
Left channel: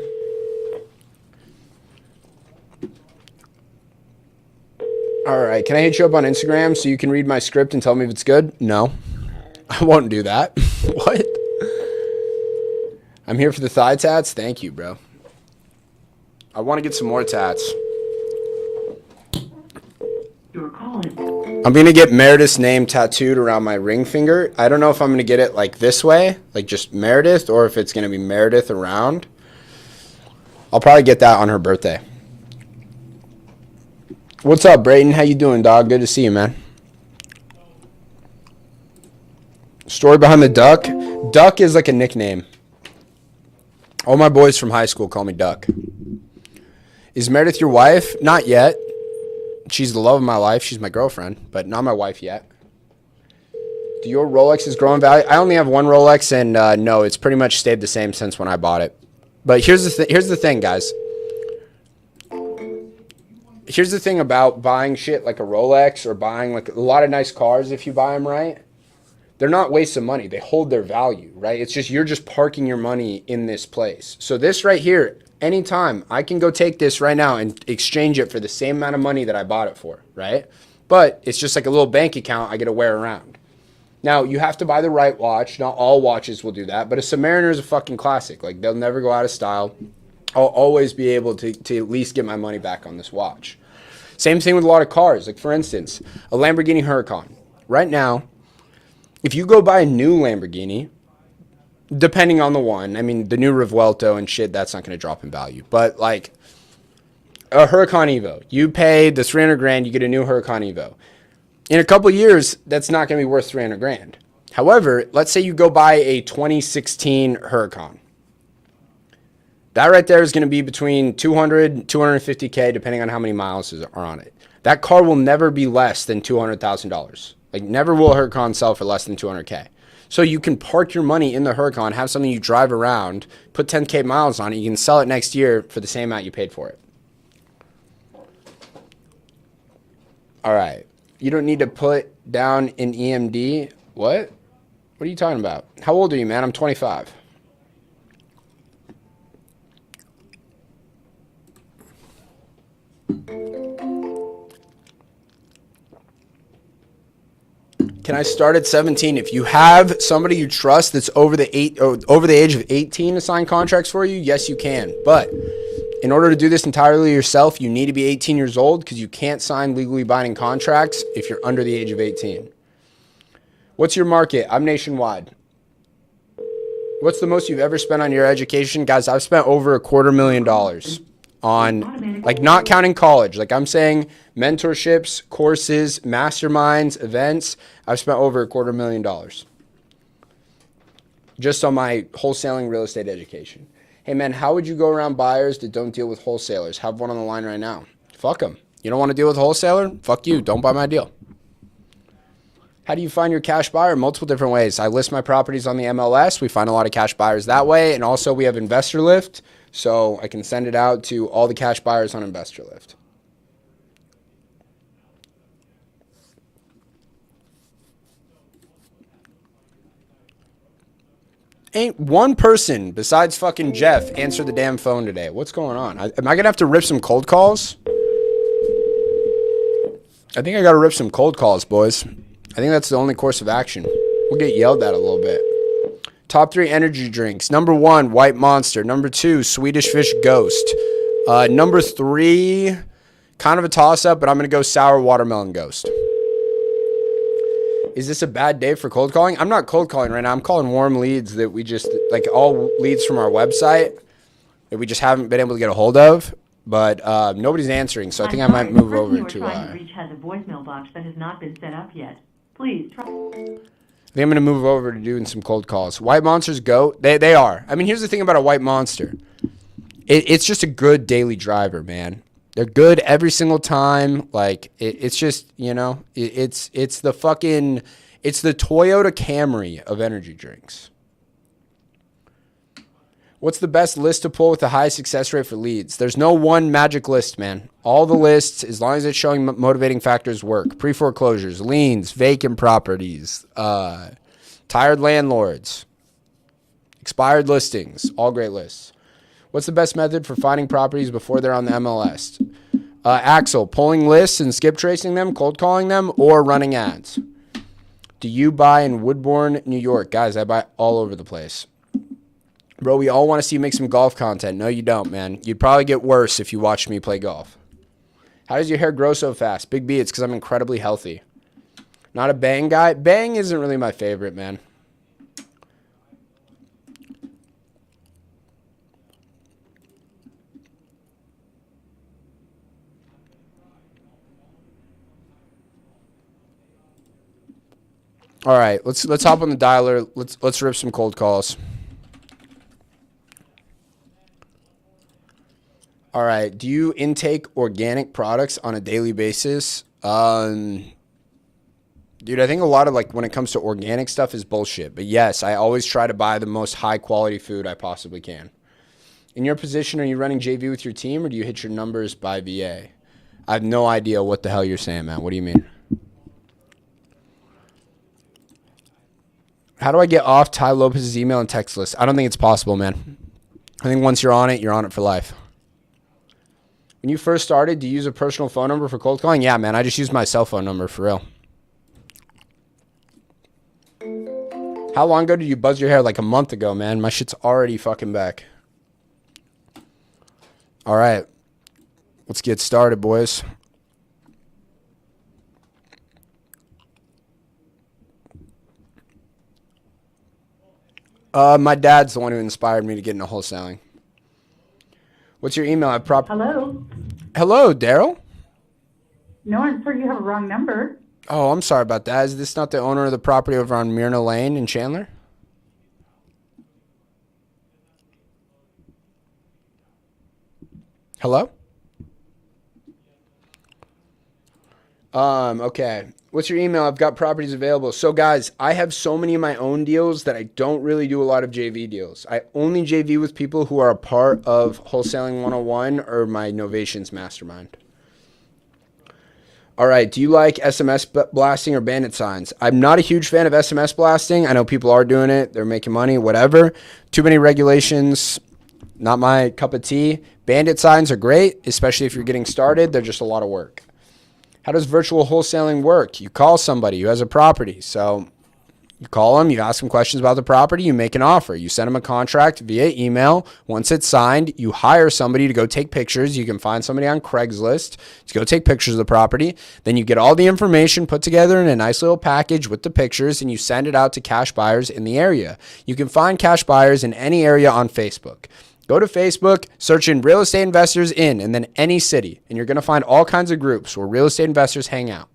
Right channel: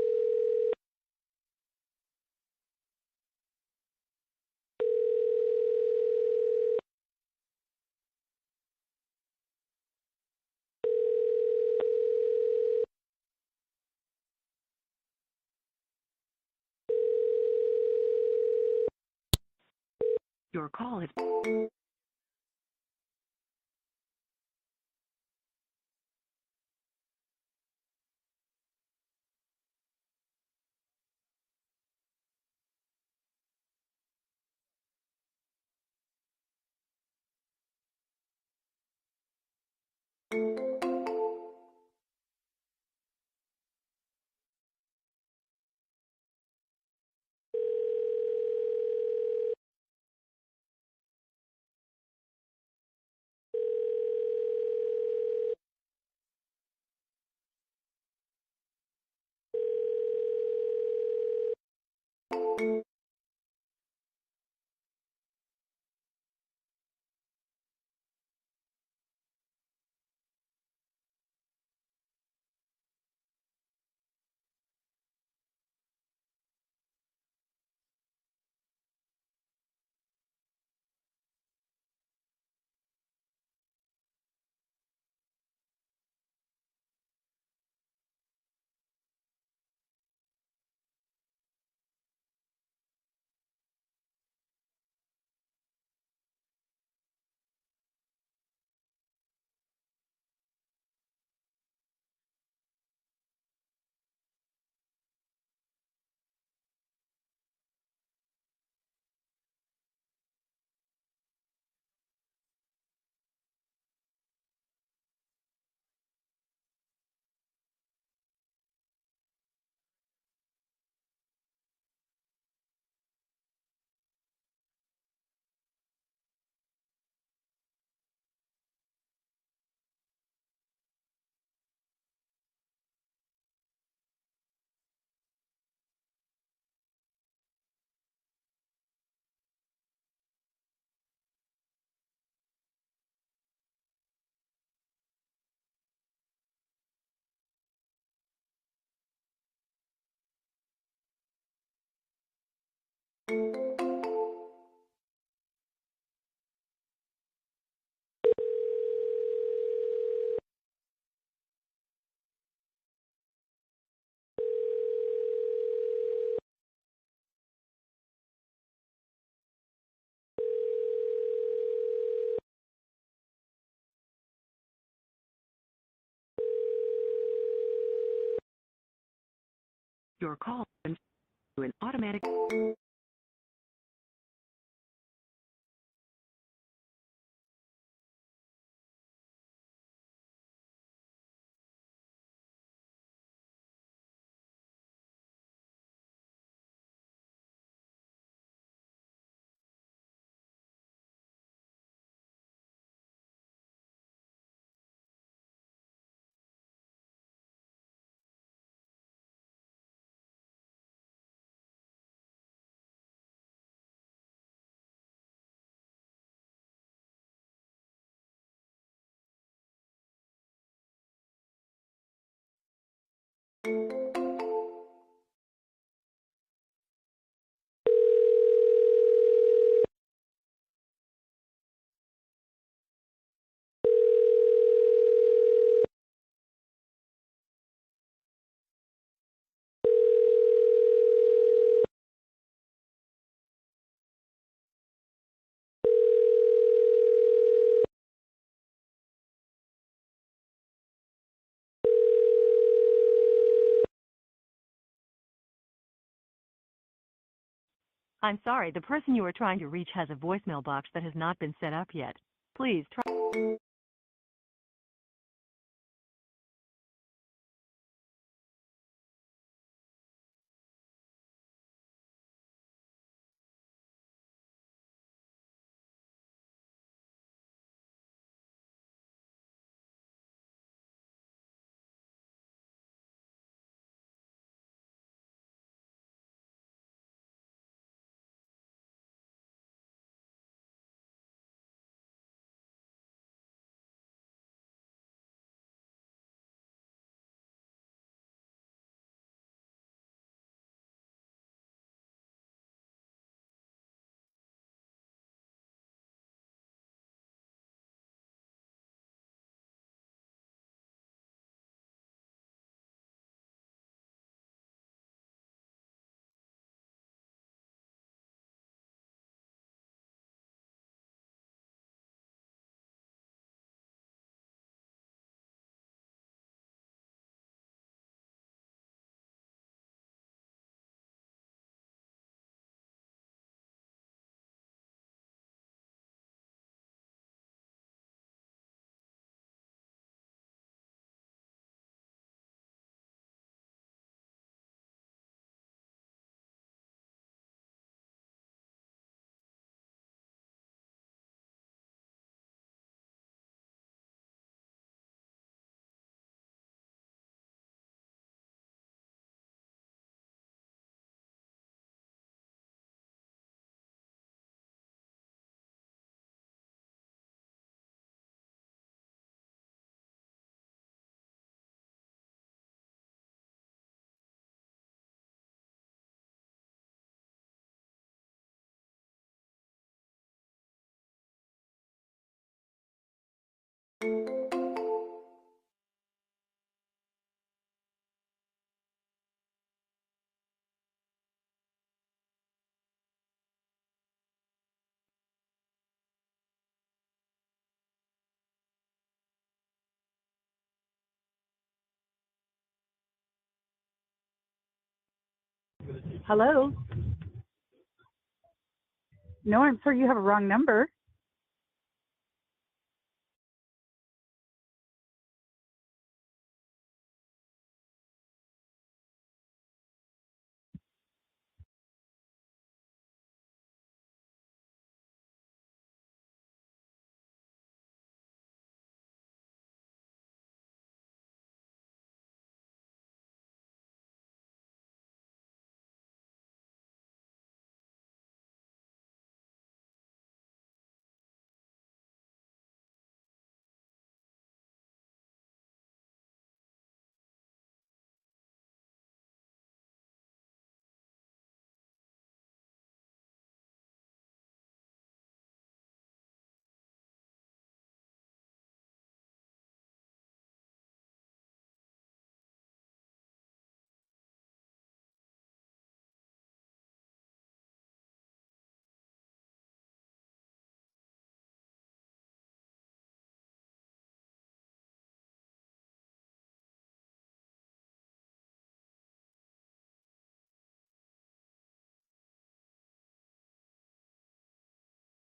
All right, can I hit you up on Instagram so you can read my script and tell me if it's good? No, I won't do that. What? I'm here for the thigh tats. Thank you, bro. I want to get some more tats. Your call is... I'm going to get Meredith's name tattooed around my ring finger. I don't know if I'm going to get it like this way, like just Meredith, or if it's going to be Meredith around. I'll probably get that on her birthday. What's up, Brayden? How you doing, dog? Good to see you, man. Story behind the duck? Duck is like a nickname. All my boys from high school call me Duck. Is Meredith your wife? Not yet. She's the love of my life. She's my girlfriend, but not my wife yet. Do your Rolexes grow in value? I only have one Rolex, and no, it's pretty much stayed the same since when I bought it. But here's the thing, guys. Here's the thing about buying shit like a Rolex or buying like a lot of nice cars if you buy them right. They're not wastes of money. They hold their value, right? It's just you're just parking your money in this place. So this right here, anytime I can go take this right now and exchange it for the same amount of money that I bought it for, right? But it's just like a little bank account I get to wear around. Now, you have to buy the right watch. Not all watches will do that, but a Submariner is a fucking classic. Like, they'll never go out of style. I'll always be able to at least get my money back on this watch. Same thing with a lot of cars. Like, for instance, a Lamborghini Huracan. Right now, if you go buy a new Lamborghini, depending on the one, I mean, the new Revuelto and shit, that's not going to drop in value. But, like, a Huracan Evo, you pay the 300 grand, you get a new Huracan Evo. In a couple years, that's not going to be worth 300 grand. However, let's say you go buy a 2016 Huracan. That right there is going to be between 200, 250K, depending on how many miles are on it. That car will never be less than $200,000. Like, never will a Huracan sell for less than 200K. So you can park your money in the Huracan, have something you drive around, put 10K miles on it, you can sell it next year for the same amount you paid for it. All right. You don't need to put down an EMD. What? What are you talking about? How old are you, man? I'm 25. Can I start at 17? If you have somebody you trust that's over the age of 18 to sign contracts for you, yes, you can. But in order to do this entirely yourself, you need to be 18 years old because you can't sign legally binding contracts if you're under the age of 18. What's your market? I'm nationwide. What's the most you've ever spent on your education? Guys, I've spent over $250,000 on, like, not counting college. Like, I'm saying mentorships, courses, masterminds, events. I've spent over $250,000 just on my wholesaling real estate education. Hey, man, how would you go around buyers that don't deal with wholesalers? Have one on the line right now. Fuck them. You don't want to deal with a wholesaler? Fuck you. Don't buy my deal. How do you find your cash buyer? Multiple different ways. I list my properties on the MLS. We find a lot of cash buyers that way. And also we have Investor Lift, so I can send it out to all the cash buyers on Investor Lift. Ain't one person besides fucking Jeff answer the damn phone today. What's going on? Am I going to have to rip some cold calls? I think I got to rip some cold calls, boys. I think that's the only course of action. We'll get yelled at a little bit. Top 3 energy drinks. Number 1, White Monster. Number 2, Swedish Fish Ghost. Number 3, kind of a toss-up, but I'm going to go Sour Watermelon Ghost. Is this a bad day for cold calling? I'm not cold calling right now. I'm calling warm leads that we just, like, all leads from our website that we just haven't been able to get a hold of. But nobody's answering, so I think I might move over to... The person you were trying to reach has a voicemail box that has not been set up yet. Please try... I think I'm going to move over to doing some cold calls. White Monsters go. They are. I mean, here's the thing about a White Monster. It's just a good daily driver, man. They're good every single time. Like, it's just, you know, it's the fucking... It's the Toyota Camry of energy drinks. What's the best list to pull with the highest success rate for leads? There's no one magic list, man. All the lists, as long as it's showing motivating factors, work. Pre-foreclosures, liens, vacant properties, tired landlords, expired listings, all great lists. What's the best method for finding properties before they're on the MLS? Axel, pulling lists and skip tracing them, cold calling them, or running ads. Do you buy in Woodbourne, New York? Guys, I buy all over the place. Bro, we all want to see you make some golf content. No, you don't, man. You'd probably get worse if you watched me play golf. How does your hair grow so fast? Big B, it's because I'm incredibly healthy. Not a bang guy. Bang isn't really my favorite, man. All right, let's hop on the dialer. Let's rip some cold calls. All right. Do you intake organic products on a daily basis? Dude, I think a lot of, like, when it comes to organic stuff is bullshit. But yes, I always try to buy the most high quality food I possibly can. In your position, are you running JV with your team or do you hit your numbers by VA? I have no idea what the hell you're saying, man. What do you mean? How do I get off Ty Lopez's email and text list? I don't think it's possible, man. I think once you're on it for life. When you first started, do you use a personal phone number for cold calling? Yeah, man, I just used my cell phone number for real. How long ago did you buzz your hair? Like a month ago, man. My shit's already fucking back. All right. Let's get started, boys. My dad's the one who inspired me to get into wholesaling. What's your email? Hello? Hello, Daryl? No, I'm sorry, you have a wrong number. Oh, I'm sorry about that. Is this not the owner of the property over on Myrna Lane in Chandler? Hello? Okay. What's your email? I've got properties available. So, guys, I have so many of my own deals that I don't really do a lot of JV deals. I only JV with people who are a part of Wholesaling 101 or my Novations Mastermind. All right. Do you like SMS blasting or bandit signs? I'm not a huge fan of SMS blasting. I know people are doing it. They're making money, whatever. Too many regulations. Not my cup of tea. Bandit signs are great, especially if you're getting started. They're just a lot of work. How does virtual wholesaling work? You call somebody who has a property. So you call them, you ask them questions about the property, you make an offer. You send them a contract via email. Once it's signed, you hire somebody to go take pictures. You can find somebody on Craigslist to go take pictures of the property. Then you get all the information put together in a nice little package with the pictures, and you send it out to cash buyers in the area. You can find cash buyers in any area on Facebook. Go to Facebook, search in real estate investors in, and then any city, and you're going to find all kinds of groups where real estate investors hang out.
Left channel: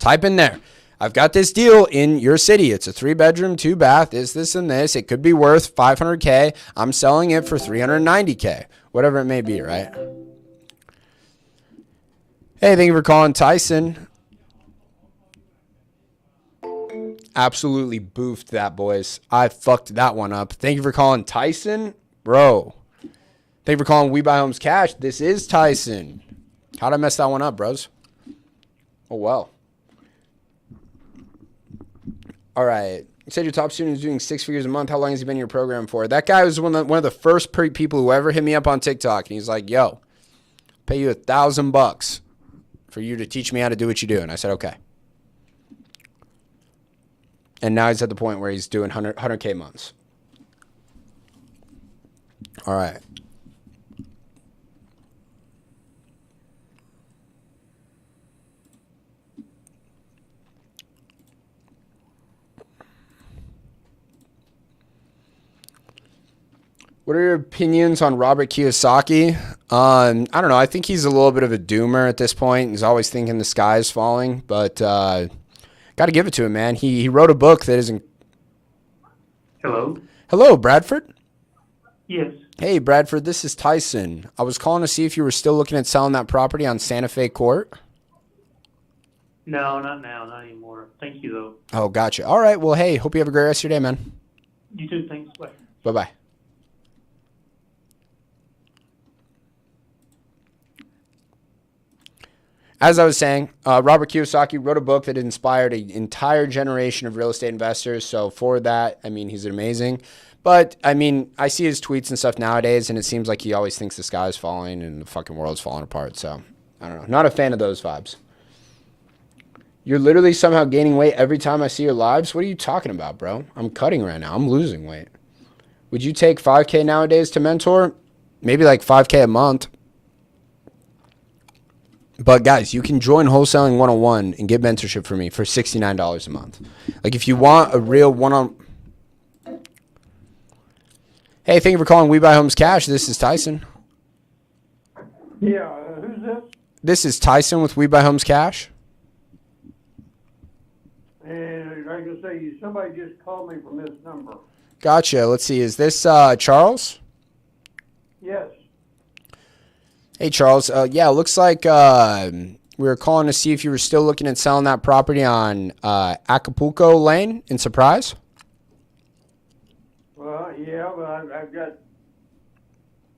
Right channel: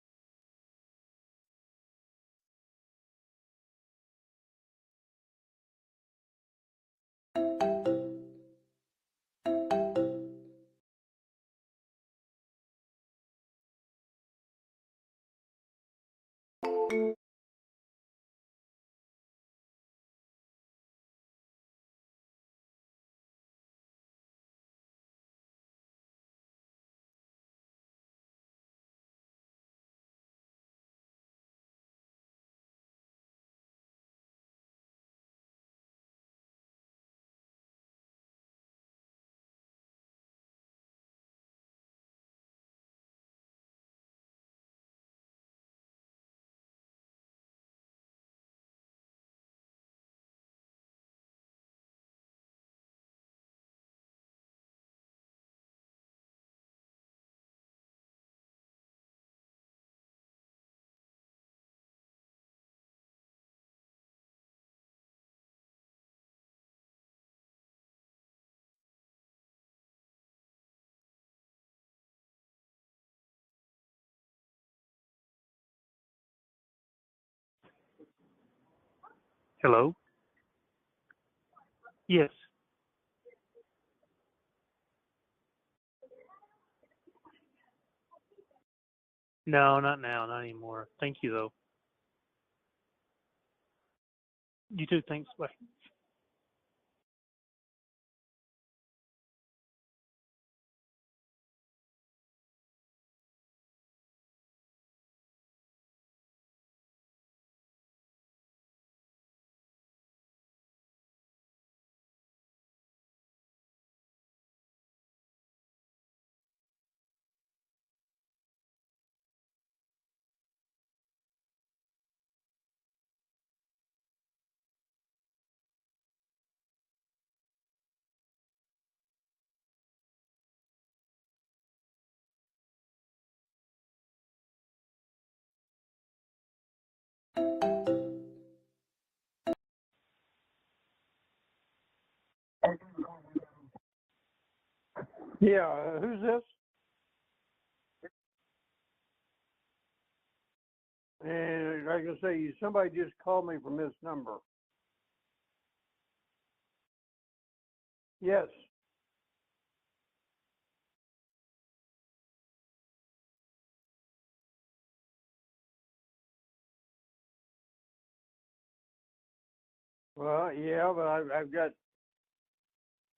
Type in there, I've got this deal in your city. It's a 3-bedroom, 2-bath, this, and this. It could be worth $500K. I'm selling it for $390K, whatever it may be, right? Hey, thank you for calling, Tyson. Absolutely boofed that, boys. I fucked that one up. Thank you for calling, Tyson. Bro, thank you for calling We Buy Homes Cash. This is Tyson. How'd I mess that one up, bros? Oh, well. All right. You said your top student is doing 6 figures a month. How long has he been in your program for? That guy was one of the first people who ever hit me up on TikTok. And he's like, yo, pay you $1,000 for you to teach me how to do what you do. And I said, okay. And now he's at the point where he's doing 100K months. All right. What are your opinions on Robert Kiyosaki? I don't know. I think he's a little bit of a doomer at this point. He's always thinking the sky is falling, but got to give it to him, man. He wrote a book that isn't. Hello? Hello, Bradford. Yes. Hey, Bradford, this is Tyson. I was calling to see if you were still looking at selling that property on Santa Fe Court. No, not now. Not anymore. Thank you, though. Oh, gotcha. All right. Well, hey, hope you have a great rest of your day, man. You too. Thanks. Bye. Bye-bye. As I was saying, Robert Kiyosaki wrote a book that inspired an entire generation of real estate investors. So for that, I mean, he's amazing. But, I mean, I see his tweets and stuff nowadays, and it seems like he always thinks the sky is falling and the fucking world's falling apart. So, I don't know. Not a fan of those vibes. You're literally somehow gaining weight every time I see your lives? What are you talking about, bro? I'm cutting right now. I'm losing weight. Would you take $5K nowadays to mentor? Maybe like $5K a month. But, guys, you can join Wholesaling 101 and get mentorship from me for $69 a month. Like, if you want a real one-on... Hey, thank you for calling We Buy Homes Cash. This is Tyson. Yeah, who's this? This is Tyson with We Buy Homes Cash. And like I say, somebody just called me from this number. Gotcha. Let's see. Is this Charles? Yes. Hey, Charles. Yeah, it looks like we were calling to see if you were still looking at selling that property on Acapulco Lane in Surprise. Well, yeah, but I've got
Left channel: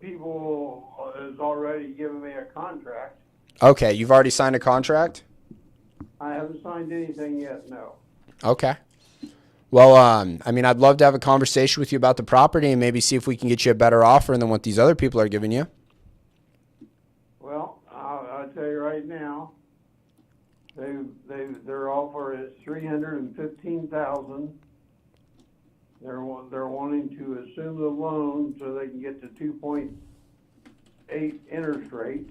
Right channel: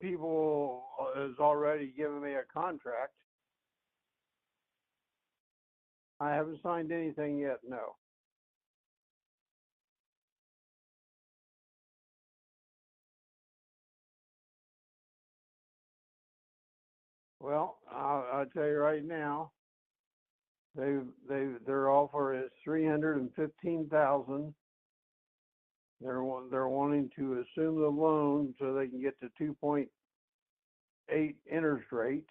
people has already given me a contract. Okay, you've already signed a contract? I haven't signed anything yet, no. Okay. Well, I mean, I'd love to have a conversation with you about the property and maybe see if we can get you a better offer than what these other people are giving you. Well, I'll tell you right now, their offer is $315,000. They're wanting to assume the loan so they can get to 2.8 interest rate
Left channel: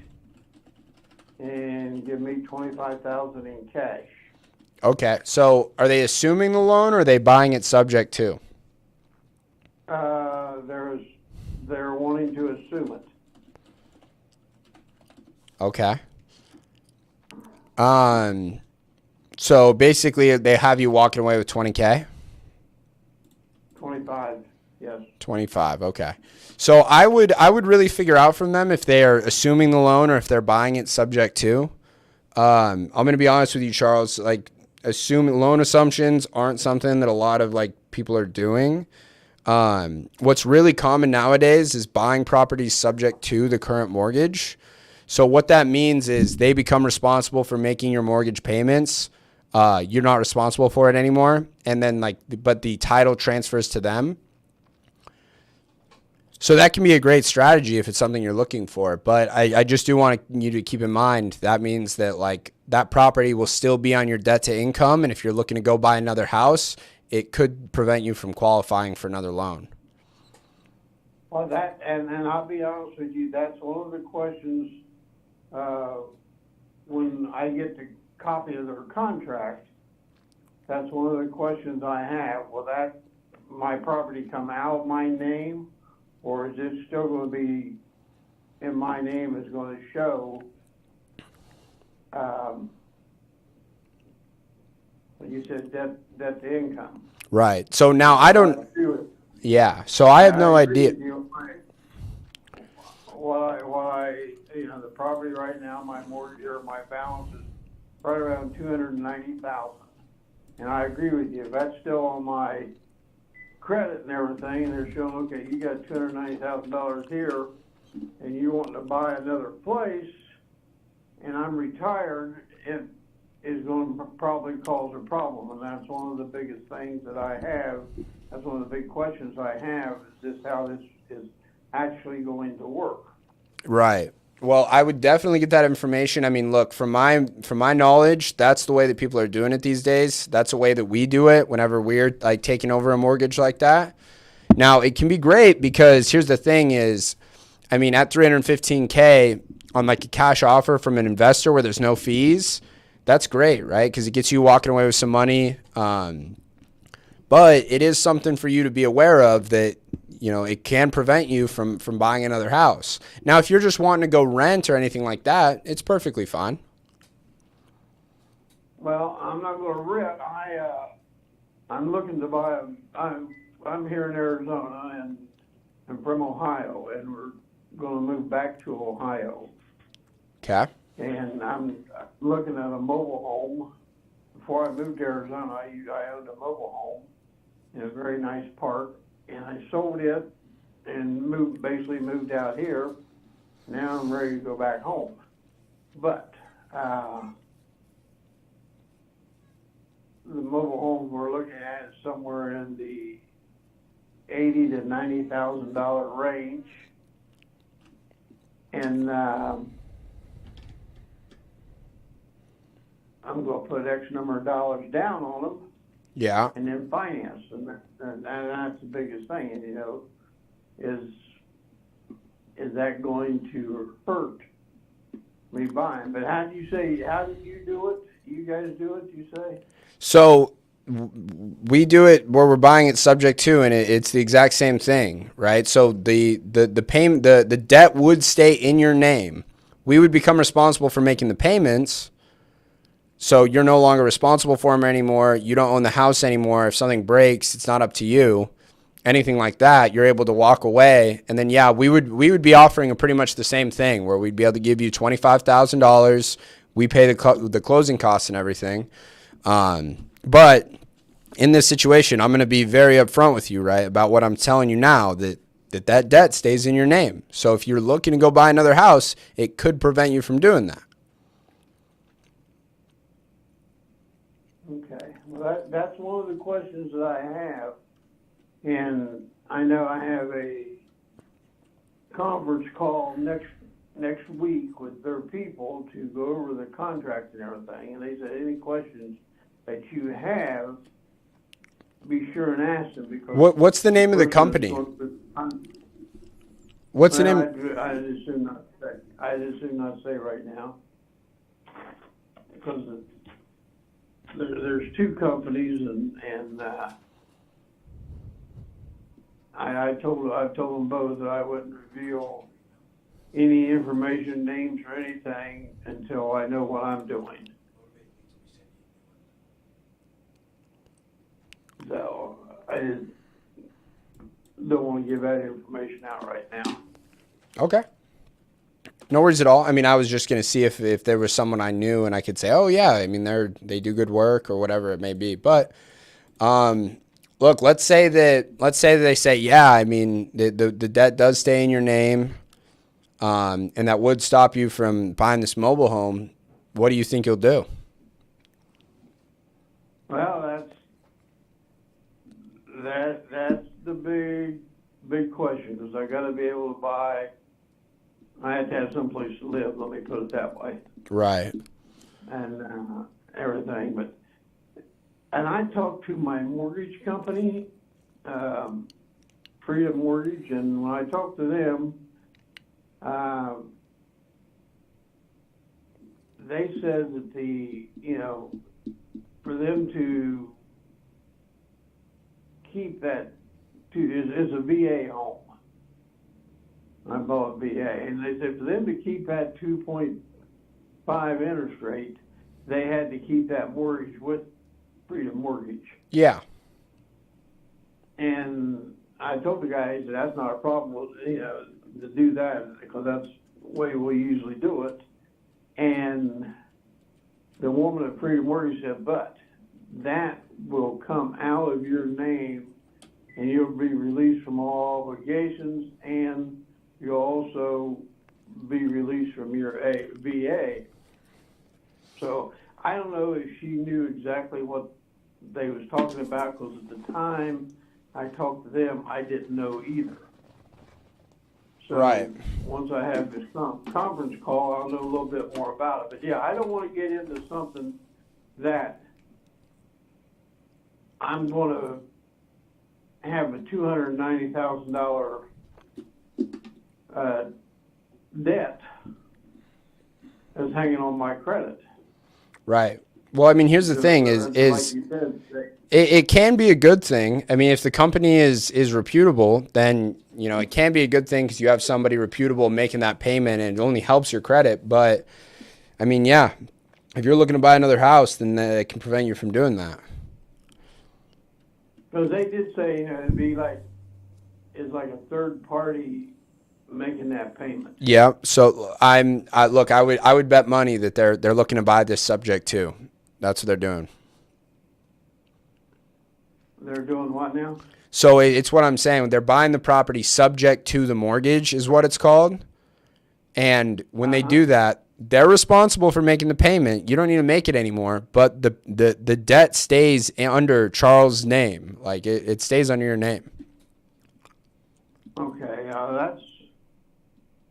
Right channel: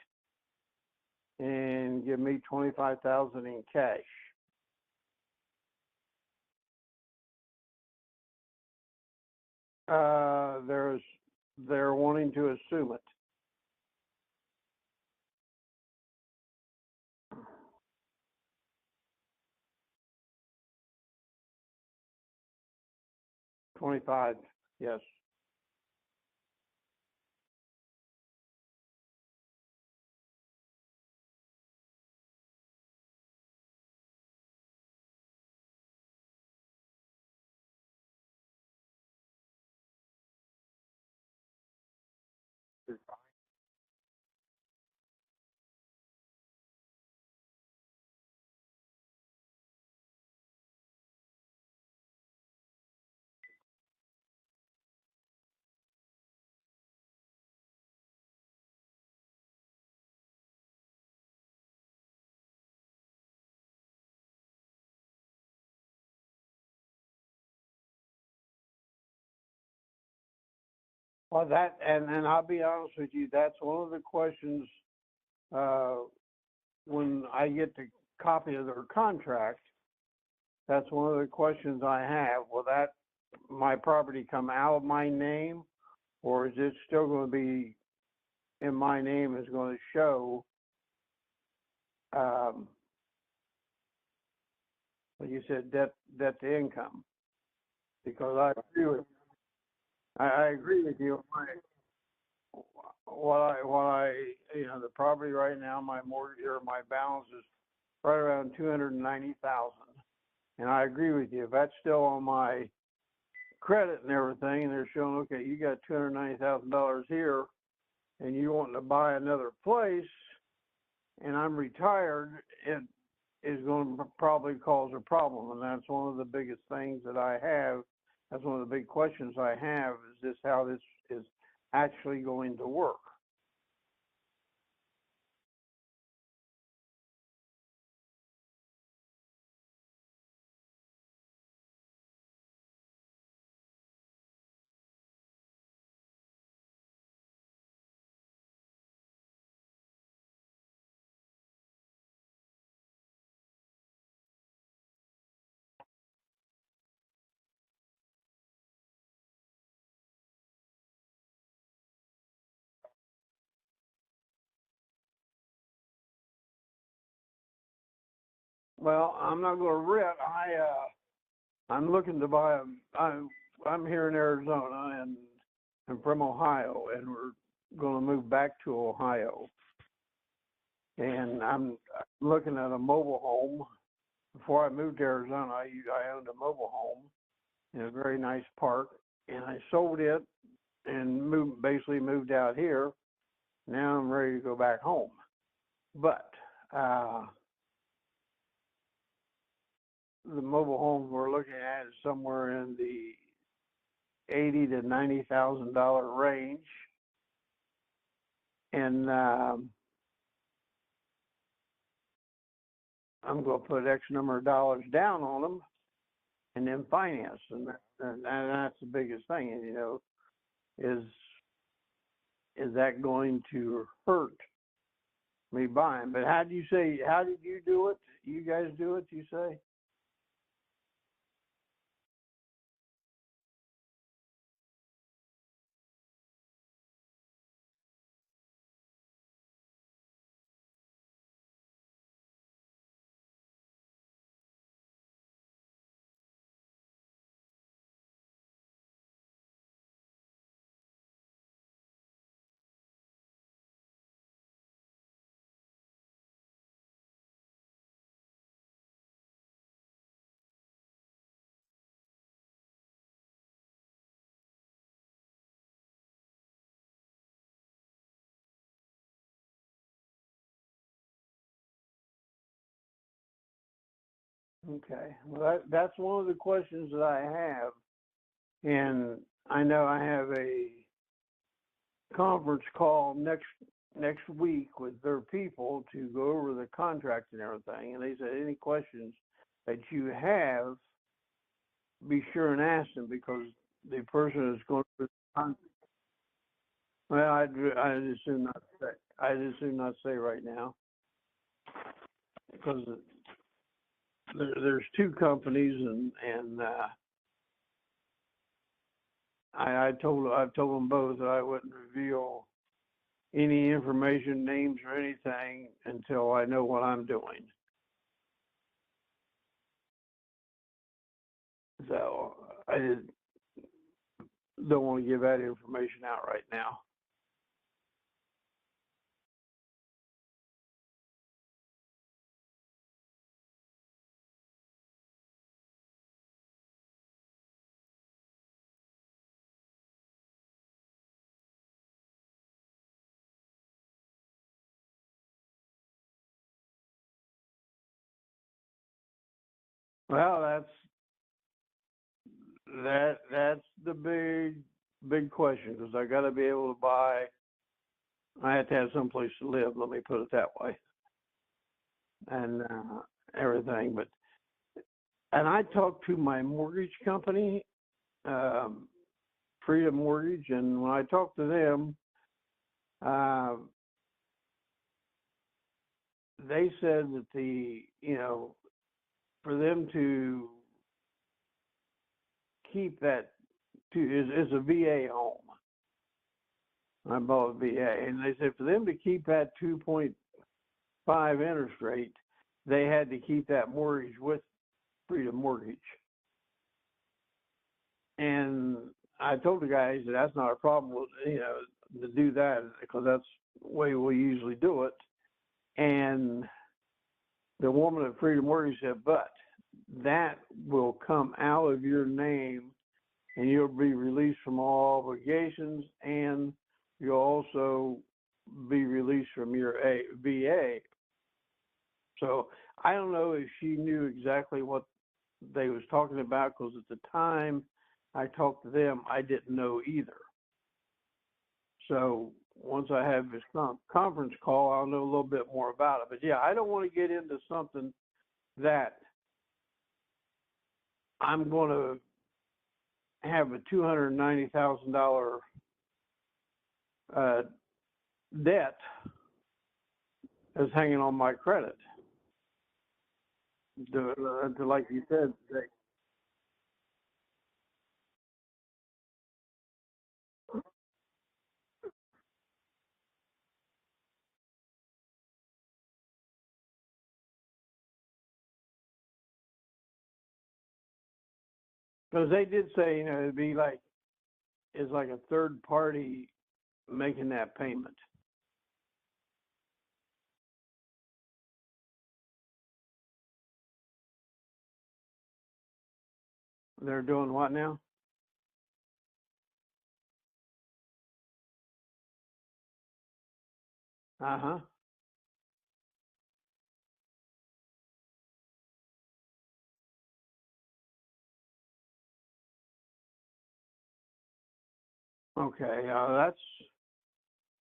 and give me $25,000 in cash. Okay, so are they assuming the loan or are they buying it subject to? They're wanting to assume it. Okay. So basically they have you walking away with 20K? 25, yes. 25, okay. So I would really figure out from them if they are assuming the loan or if they're buying it subject to. I'm going to be honest with you, Charles, like loan assumptions aren't something that a lot of like people are doing. What's really common nowadays is buying properties subject to the current mortgage. So what that means is they become responsible for making your mortgage payments. You're not responsible for it anymore. And then but the title transfers to them. So that can be a great strategy if it's something you're looking for. But I just do want you to keep in mind that means that like that property will still be on your debt to income. And if you're looking to go buy another house, it could prevent you from qualifying for another loan. Well, and I'll be honest with you, that's one of the questions, when I get the copy of their contract, that's one of the questions I have. Will my property come out of my name, or is it still going to be in my name, is going to show, what you said, debt to income? Right. So now I don't, yeah. So I have no agree idea. with you. The property right now, my mortgage or my balance is right around 290,000, and I agree with you. If that's still on my credit and everything, and they're showing, okay, you got $290,000 here, and you want to buy another place, and I'm retired, it is going to probably cause a problem, and that's one of the biggest things that I have. That's one of the big questions I have, is how this is actually going to work. Right. Well, I would definitely get that information. I mean, look, from my knowledge, that's the way that people are doing it these days. That's the way that we do it whenever we're like taking over a mortgage like that. Now, it can be great because here's the thing is, I mean, at $315K on like a cash offer from an investor where there's no fees, that's great, right? Because it gets you walking away with some money. But it is something for you to be aware of that, you know, it can prevent you from buying another house. Now, if you're just wanting to go rent or anything like that, it's perfectly fine. Well, I'm not going to rent. I'm looking to buy I'm here in Arizona and I'm from Ohio, and we're going to move back to Ohio. Okay. And I'm looking at a mobile home. Before I moved to Arizona, I owned a mobile home in a very nice park, and I sold it and basically moved out here. Now I'm ready to go back home. But the mobile home we're looking at is somewhere in the $80,000 to $90,000 range, and I'm going to put X number of dollars down on them. Yeah. And then finance, and that's the biggest thing. And you know, is that going to hurt me buying? But how did you do it? You guys do it? You say? So we do it where we're buying it subject to, and it's the exact same thing, right? So the payment, the debt would stay in your name. We would become responsible for making the payments. So you're no longer responsible for them anymore. You don't own the house anymore. If something breaks, it's not up to you. Anything like that, you're able to walk away. And then, yeah, we would be offering pretty much the same thing where we'd be able to give you $25,000. We pay the closing costs and everything. But in this situation, I'm going to be very upfront with you, right, about what I'm telling you now, that debt stays in your name. So if you're looking to go buy another house, it could prevent you from doing that. Okay. Well, that's one of the questions that I have, and I know I have a conference call next week with their people to go over the contract and everything. And they said any questions that you have, be sure and ask them, because what's the name of the company? What's the name? I'd assume not say right now, because there's two companies, and I've told them both that I wouldn't reveal any information, names, or anything until I know what I'm doing. So I don't want to give that information out right now. Okay. No worries at all. I mean, I was just going to see if there was someone I knew and I could say, oh yeah, I mean, they do good work or whatever it may be. But, look, let's say that they say, yeah, I mean, the debt does stay in your name. And that would stop you from buying this mobile home. What do you think you'll do? Well, that's the big big question, because I gotta be able to buy, I have to have someplace to live, let me put it that way, Right. and, everything, and I talked to my mortgage company, Freedom Mortgage, and when I talked to them, they said that for them to keep that, is a VA home. I bought a VA, and they said for them to keep that 2.5 interest rate, they had to keep that mortgage with Freedom Mortgage. Yeah. And I told the guys that that's not a problem, to do that, because that's the way we usually do it. And the woman at Freedom Mortgage said, but that will come out of your name, and you'll be released from all obligations, and you'll also be released from your VA. So I don't know if she knew exactly what they was talking about, because at the time I talked to them, I didn't know either. So Right. once I have this conference call, I'll know a little bit more about it. But yeah, I don't want to get into something that I'm going to have a $290,000 debt that's hanging on my credit. Right. Well, I mean, here's the thing: like you said, it can be a good thing. I mean, if the company is reputable, then it can be a good thing because you have somebody reputable making that payment, and it only helps your credit. But I mean, yeah, if you're looking to buy another house, then it can prevent you from doing that. because they did say it'd be it's like a third party making that payment. Yeah. So look, I would bet money that they're looking to buy this subject too. That's what they're doing. They're doing what now? So it's what I'm saying. They're buying the property subject to the mortgage is what it's called. And when they do that, they're responsible for making the payment. You don't need to make it anymore. But the debt stays under Charles' name. Like it stays under your name. Okay, that's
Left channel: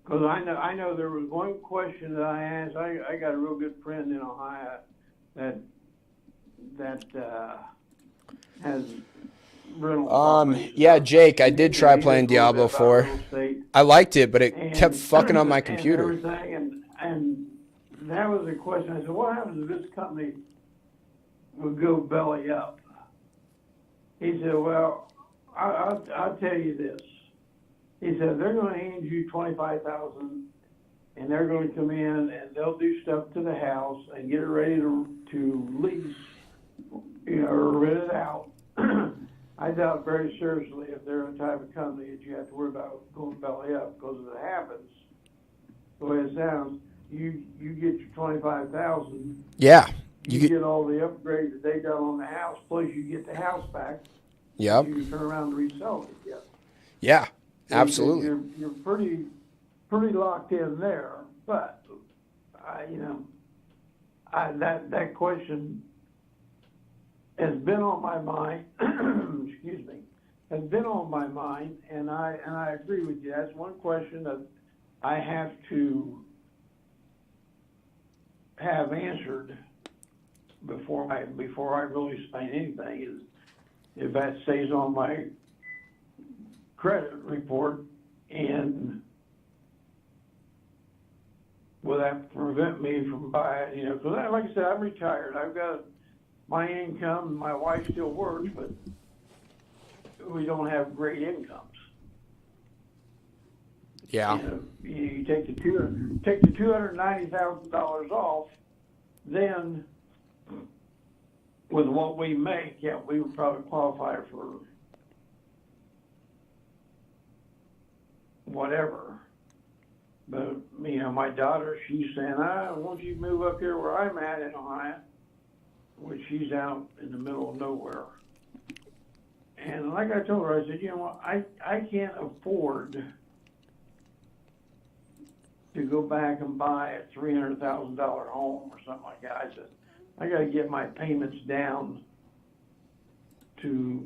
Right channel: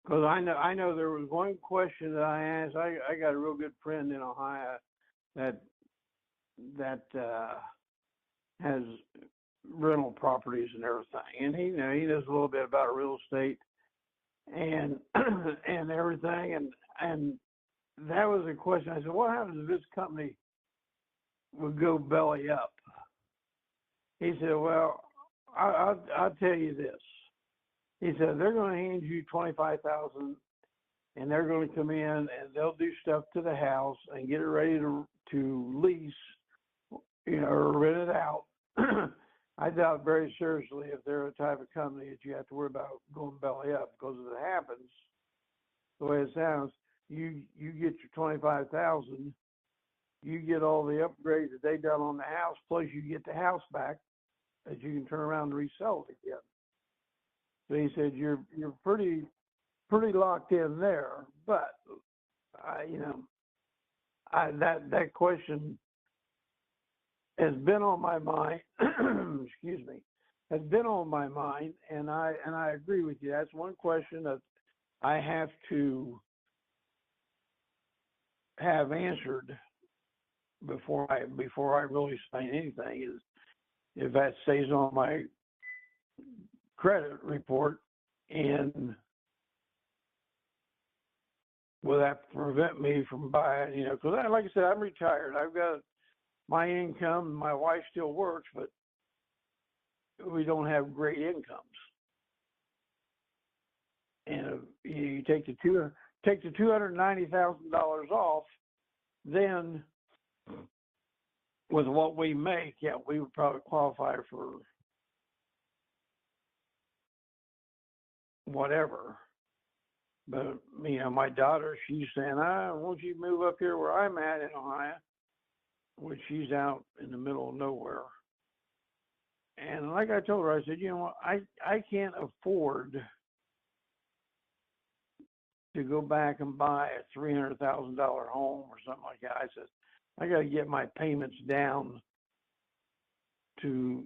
because I know there was one question that I asked. I got a real good friend in Ohio that has rental properties. Yeah, Jake, I did try He playing knows a little Diablo bit about 4. real estate I liked it, but it kept fucking up my and computer. everything, and that was a question. I said, what happens if this company would go belly up? He said, well, I'll tell you this. He said, they're going to hand you $25,000, and they're going to come in and they'll do stuff to the house and get it ready to lease, or rent it out. I doubt very seriously if they're the type of company that you have to worry about going belly up, because if it happens, the way it sounds, you get your $25,000. Yeah. You get all the upgrades that they done on the house, plus you get the house back. Yep. You can turn around and resell it again. Yeah. So Absolutely. You're pretty locked in there, but that question has been on my mind. Excuse me, has been on my mind, and I agree with you. That's one question that I have to have answered before I really say anything. Is if that stays on my credit report, and will that prevent me from buying, because like I said, I'm retired. I've got my income, my wife still works, but we don't have great incomes. Yeah. And you take the $290,000 off, then with what we make, yeah, we would probably qualify for whatever. But my daughter, she's saying, won't you move up here where I'm at in Ohio, which she's out in the middle of nowhere. And like I told her, I said, I can't afford to go back and buy a $300,000 home or something like that. I said, I got to get my payments down to,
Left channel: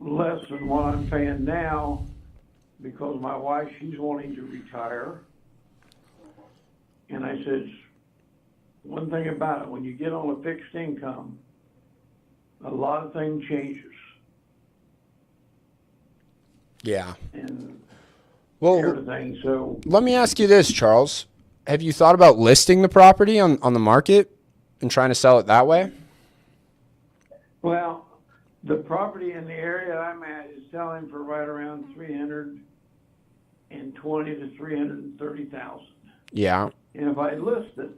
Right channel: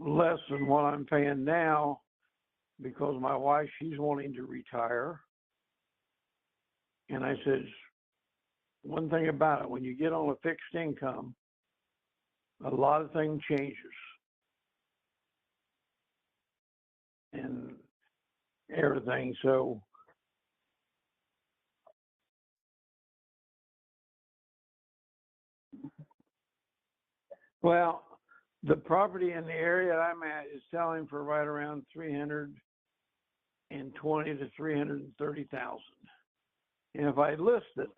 less than what I'm paying now, because my wife, she's wanting to retire. And I says, one thing about it, when you get on a fixed income, a lot of things changes. Yeah. And Well, everything, so let me ask you this, Charles. Have you thought about listing the property on the market and trying to sell it that way? well, the property in the area I'm at is selling for right around 320 to 330,000. Yeah. And if I list it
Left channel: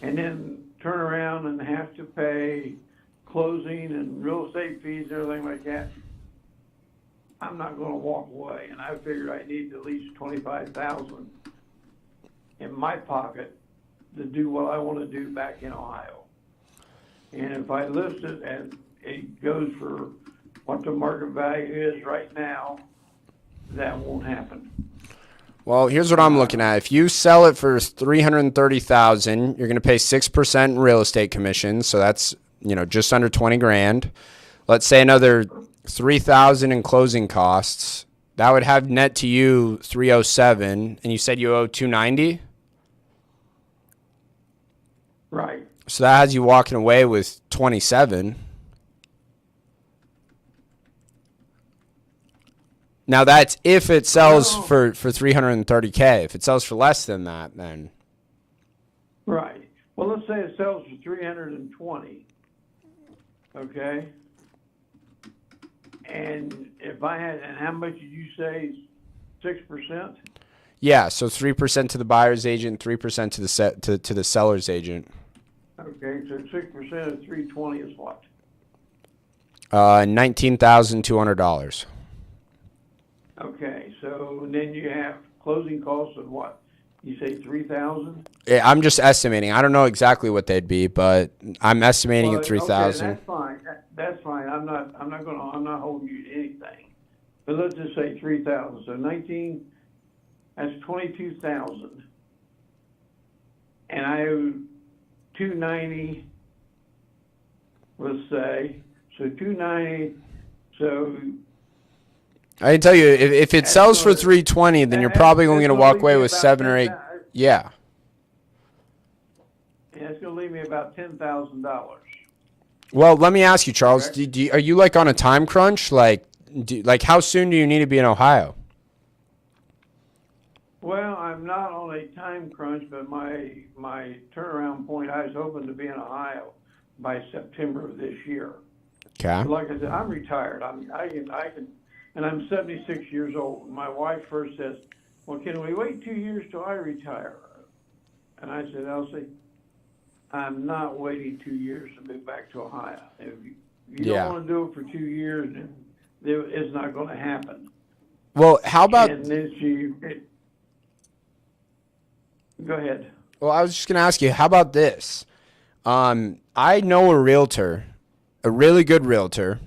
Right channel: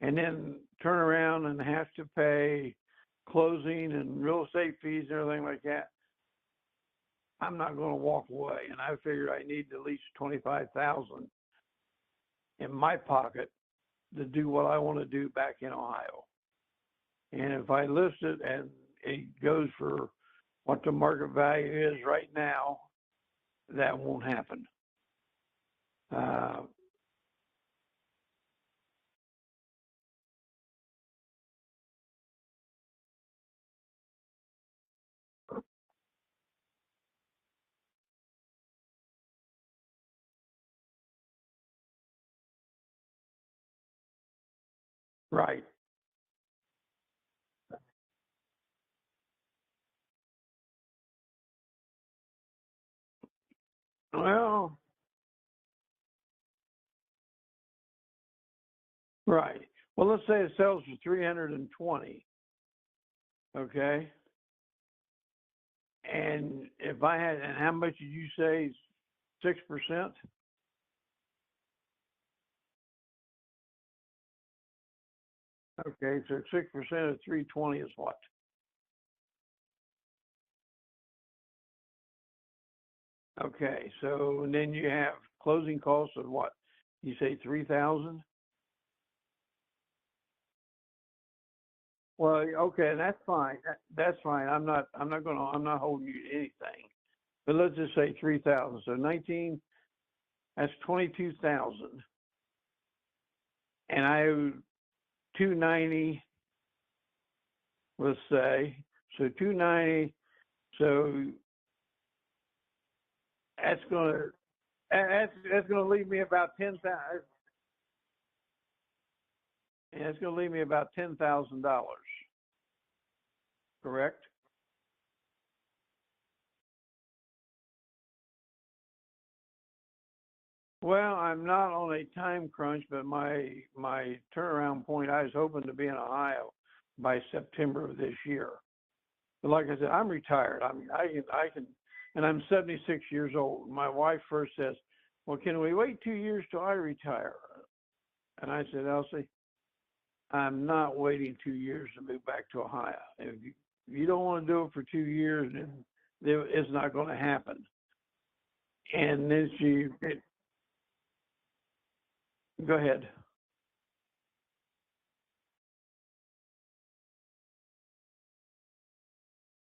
and then turn around and have to pay closing and real estate fees and everything like that, I'm not going to walk away. And I figured I need at least 25,000 in my pocket to do what I want to do back in Ohio. And if I list it and it goes for what the market value is right now, that won't happen. Well, here's what I'm looking at. If you sell it for $330,000, you're going to pay 6% in real estate commission, so that's, just under 20 grand. Let's say another 3,000 in closing costs. That would have net to you 307, and you said you owe 290? Right. So that has you walking away with 27. Now that's if it sells for 330K. If it sells for less than that, then Right. Well, let's say it sells for 320. Okay. And if I had, and how much did you say? 6%? yeah. So 3% to the buyer's agent, 3% to the to the seller's agent. Okay, so 6% of 320 is what? $19,200. Okay, so then you have closing costs of what? You say 3,000? I'm just estimating. I don't know exactly what they'd be, but I'm estimating at 3,000. Okay, that's fine. That's fine. I'm not holding you to anything. But let's just say 3,000. So 19, that's 22,000. And I owe 290, let's say. So 290, so I can tell you, if it sells for 320, then you're probably only going to walk away with 7 or 8. Yeah. And it's going to leave me about $10,000. Well, let me ask you, Charles. Correct. Are you like on a time crunch? Like how soon do you need to be in Ohio? Well, I'm not on a time crunch, but my turnaround point, I was hoping to be in Ohio by September of this year. Okay. But like I said, I'm retired. I can, and I'm 76 years old. My wife first says, "Well, can we wait 2 years till I retire?" And I said, "Elsie, I'm not waiting 2 years to move back to Ohio. If you don't want to do it for 2 years, then it's not going to happen." Well, how about? And then go ahead. Well, I was just going to ask you, how about this? I know a realtor, a really good realtor,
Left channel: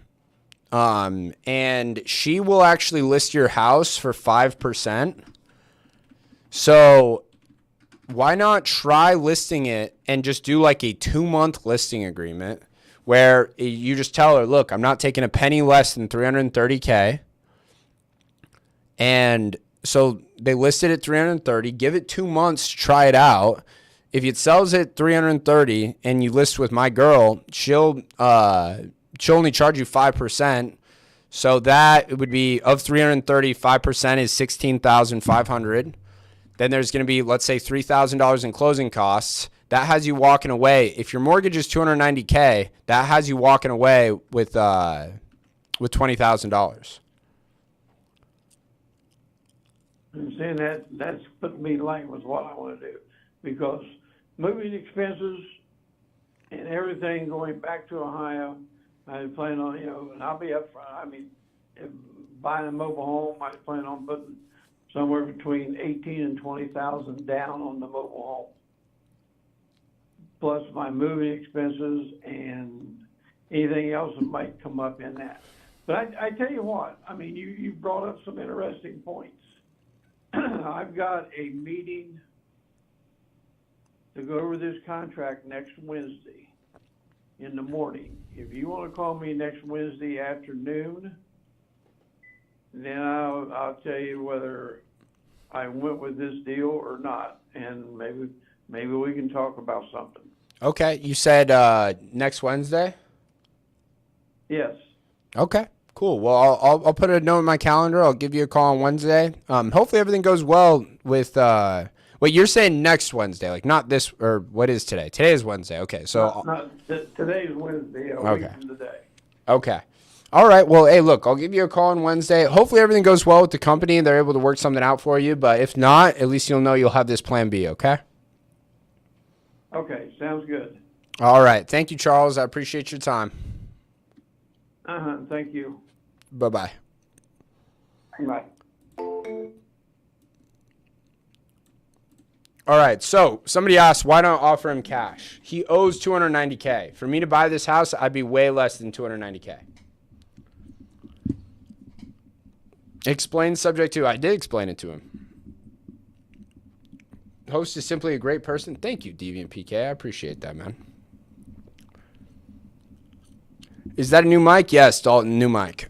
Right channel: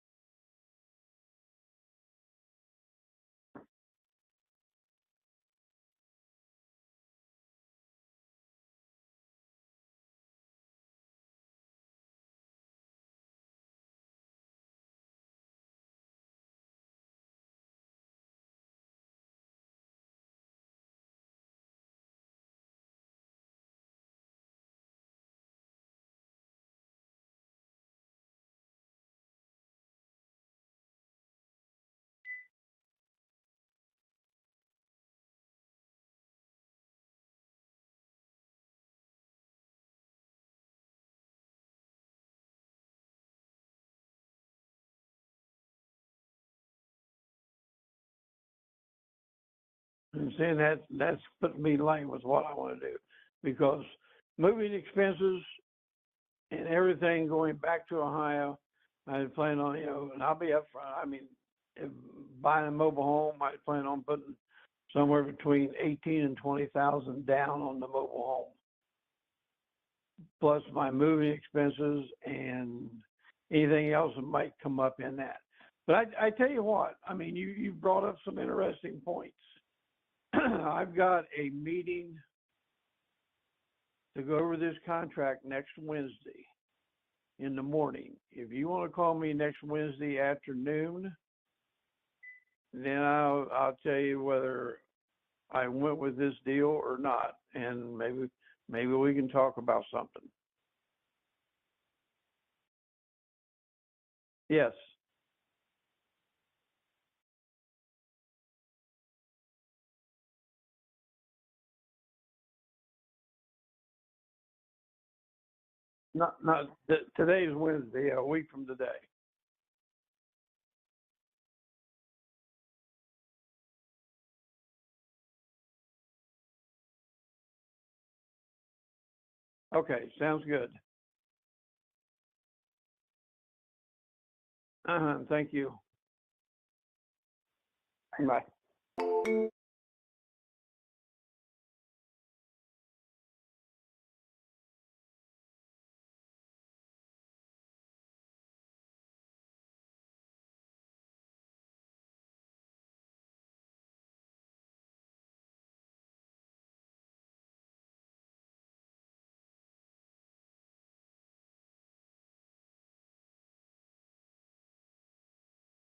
and she will actually list your house for 5%. So why not try listing it and just do like a 2-month listing agreement where you just tell her, look, I'm not taking a penny less than 330K. And so they list it at 330, give it 2 months to try it out. If it sells at 330 and you list with my girl, she'll only charge you 5%. So that it would be of 330, 5% is 16,500. Then there's going to be, let's say, $3,000 in closing costs. That has you walking away. If your mortgage is $290K, that has you walking away with $20,000. I'm saying that's putting me in line with what I want to do, because moving expenses and everything going back to Ohio, I plan on, and I'll be up front. I mean, if buying a mobile home, I plan on putting somewhere between 18 and 20,000 down on the mobile home, plus my moving expenses and anything else that might come up in that. But I tell you what, I mean, you brought up some interesting points. I've got a meeting to go over this contract next Wednesday in the morning. If you want to call me next Wednesday afternoon, then I'll tell you whether I went with this deal or not, and maybe we can talk about something. Okay, you said next Wednesday? Yes. Okay, cool. Well, I'll put a note in my calendar. I'll give you a call on Wednesday. Hopefully everything goes well with wait, you're saying next Wednesday, like not this, or what is today? Today is Wednesday. Okay, so Today's Wednesday, a week Okay. from today. okay. All right. Well, hey, look, I'll give you a call on Wednesday. Hopefully everything goes well with the company and they're able to work something out for you, but if not, at least you'll know you'll have this plan B, okay? Okay, sounds good. All right. Thank you, Charles. I appreciate your time. Thank you. Bye-bye. Bye. All right, so somebody asked, why not offer him cash? He owes $290K. For me to buy this house, I'd be way less than $290K. Explain subject to. I did explain it to him. Host is simply a great person. Thank you, Deviant PK. I appreciate that, man. Is that a new mic? Yes, Dalton, new mic.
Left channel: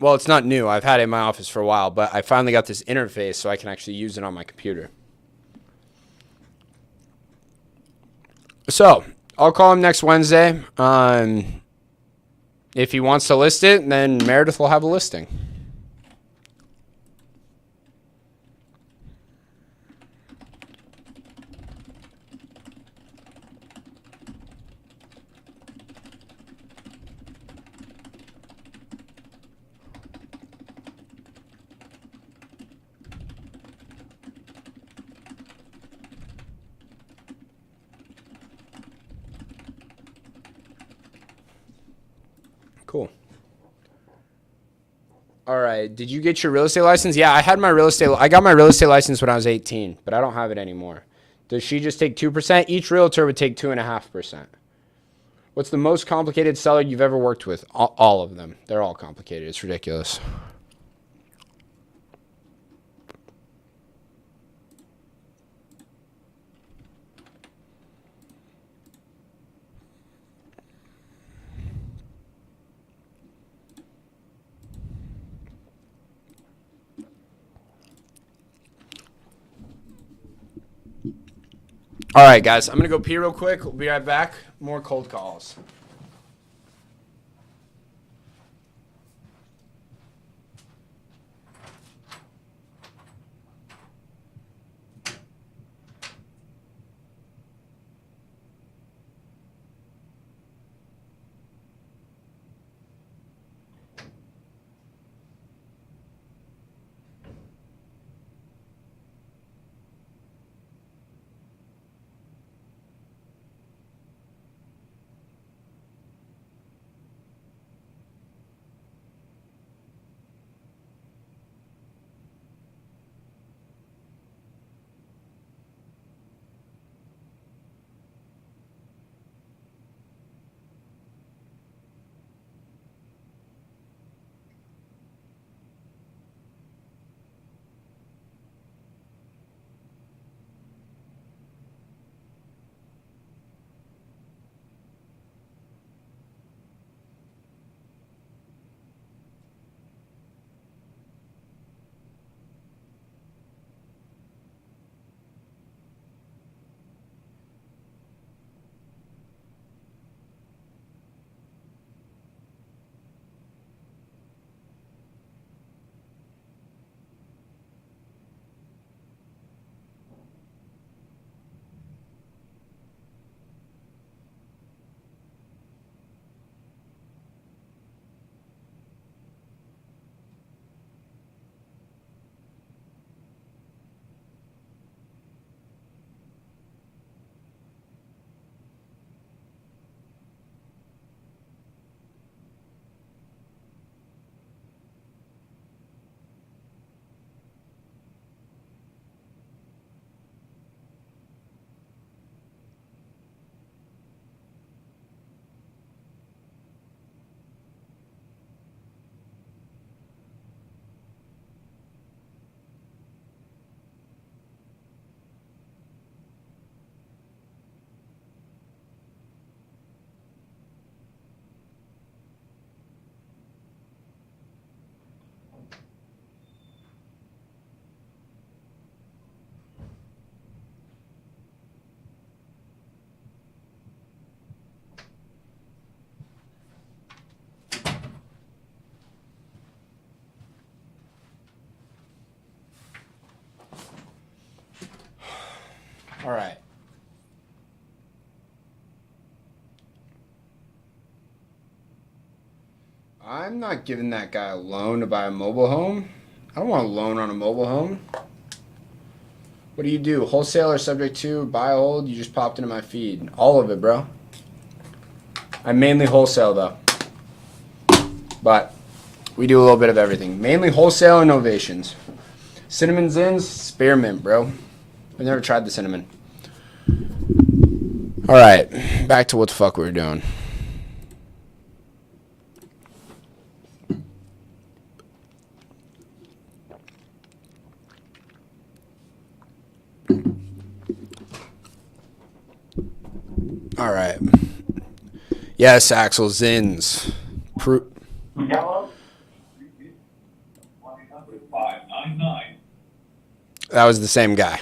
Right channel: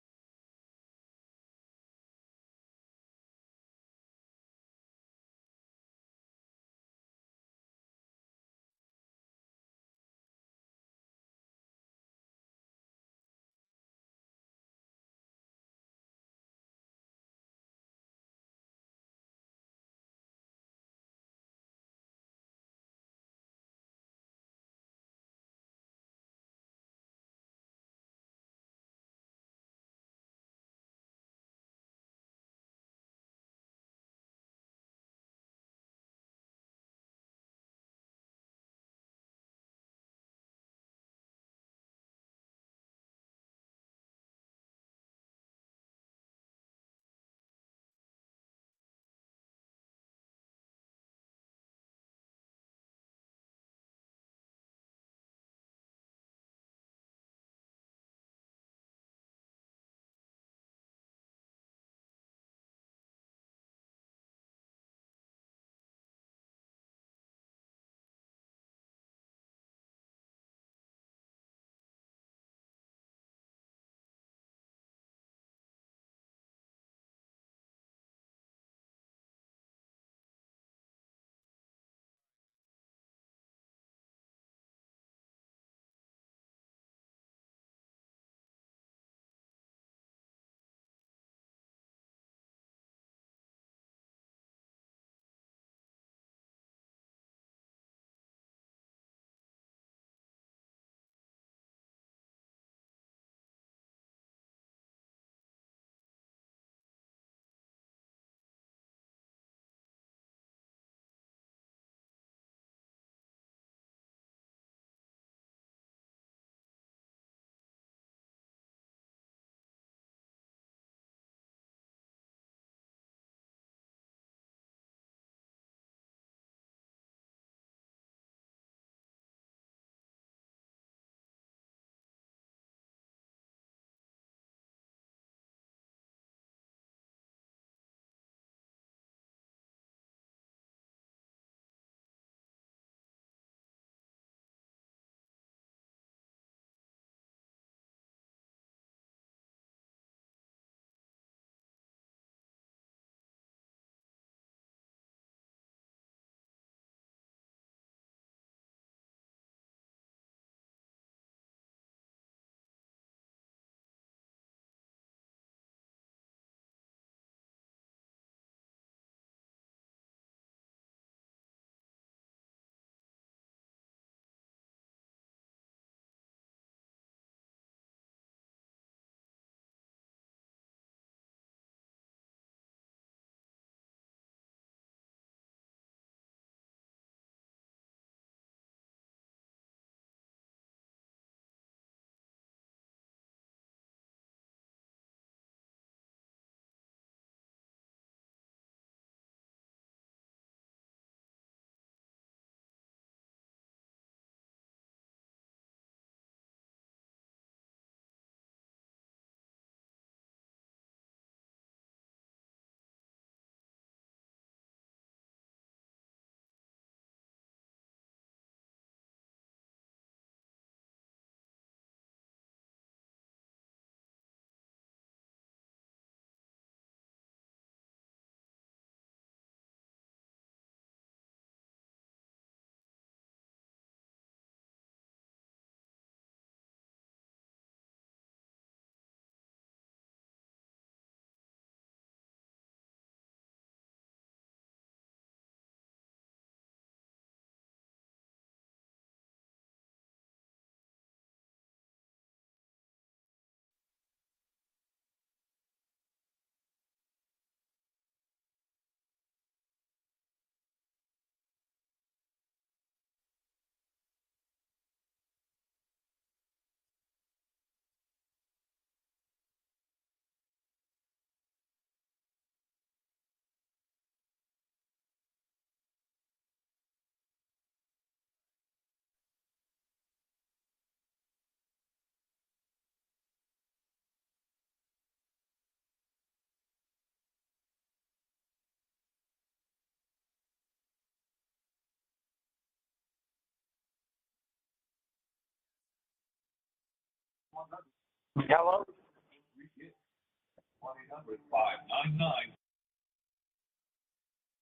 Well, it's not new. I've had it in my office for a while, but I finally got this interface so I can actually use it on my computer. So, I'll call him next Wednesday. If he wants to list it, then Meredith will have a listing. Cool. All right. Did you get your real estate license? Yeah, I got my real estate license when I was 18, but I don't have it anymore. Does she just take 2%? Each realtor would take 2.5%. What's the most complicated seller you've ever worked with? All of them. They're all complicated. It's ridiculous. All right, guys. I'm going to go pee real quick. We'll be right back. More cold calls. I'm not giving that guy a loan to buy a mobile home. I don't want a loan on a mobile home. What do you do? Wholesaler subject to, buy, hold? You just popped into my feed. All of it, bro. I mainly wholesale, though. But we do a little bit of everything. Mainly wholesale and novations. Cinnamon Zins, spearmint, bro. I've never tried the cinnamon. All right, back to what the fuck we were doing. All right. Yes, Axel Zins. Hello? That was the same guy.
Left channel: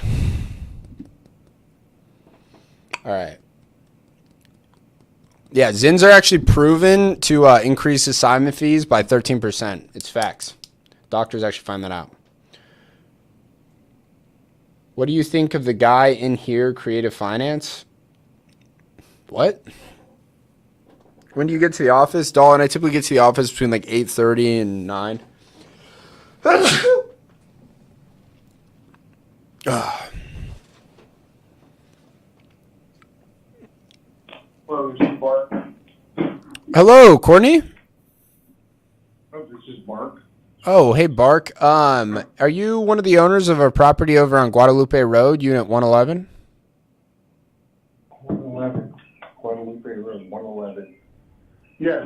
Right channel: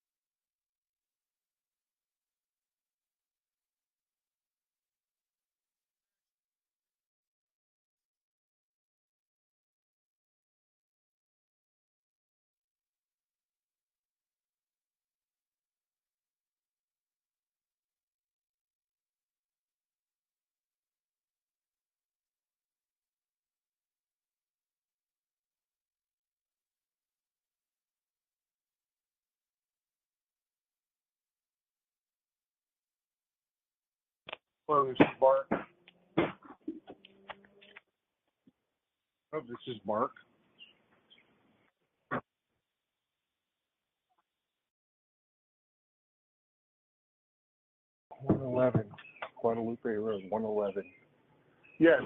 All right. Yeah, Zins are actually proven to increase assignment fees by 13%. It's facts. Doctors actually find that out. What do you think of the guy in here, Creative Finance? What? When do you get to the office? Dalton, I typically get to the office between like 8:30 and 9. Hello, this is Mark. Hello, Courtney. Oh, this is Mark. Oh, hey, Bark. Are you one of the owners of a property over on Guadalupe Road, Unit 111? 111. Guadalupe Road, 111. Yes.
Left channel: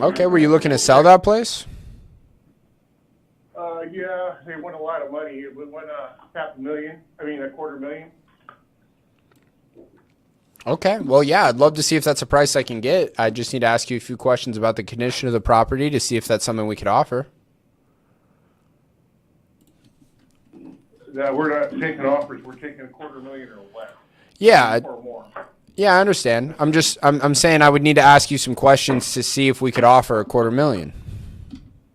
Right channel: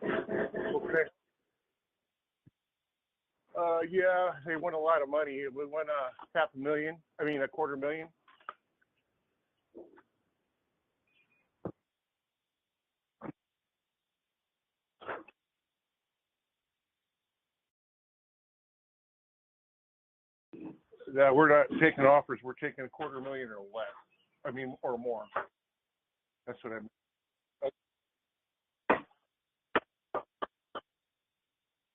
Okay, were you looking to sell that place? Yeah, they won a lot of money. It won $500,000. I mean, $250,000. Okay, well, yeah, I'd love to see if that's a price I can get. I just need to ask you a few questions about the condition of the property to see if that's something we could offer. We're not taking offers. We're taking $250,000 or less. Yeah, Or more. yeah, I understand. I'm saying I would need to ask you some questions to see if we could offer $250,000.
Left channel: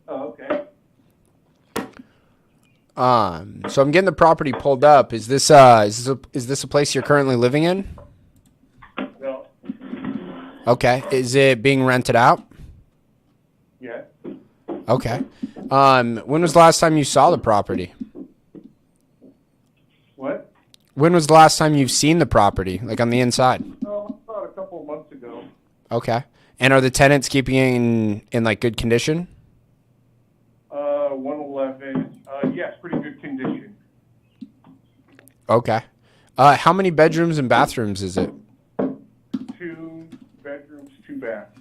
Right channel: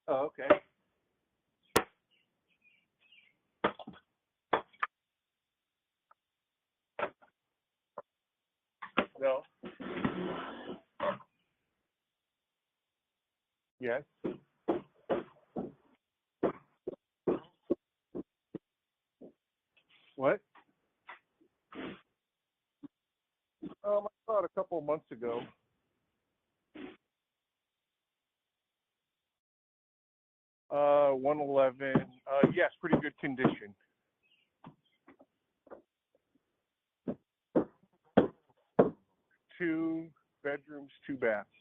Oh, okay. So I'm getting the property pulled up. Is this a place you're currently living in? No. Okay. Is it being rented out? Yes. Okay. When was the last time you saw the property? What? When was the last time you've seen the property, like on the inside? About a couple of months ago. Okay. And are the tenants keeping in like good condition? 111. Yes, pretty good condition. Okay. How many bedrooms and bathrooms is it? 2 bedrooms, 2 baths.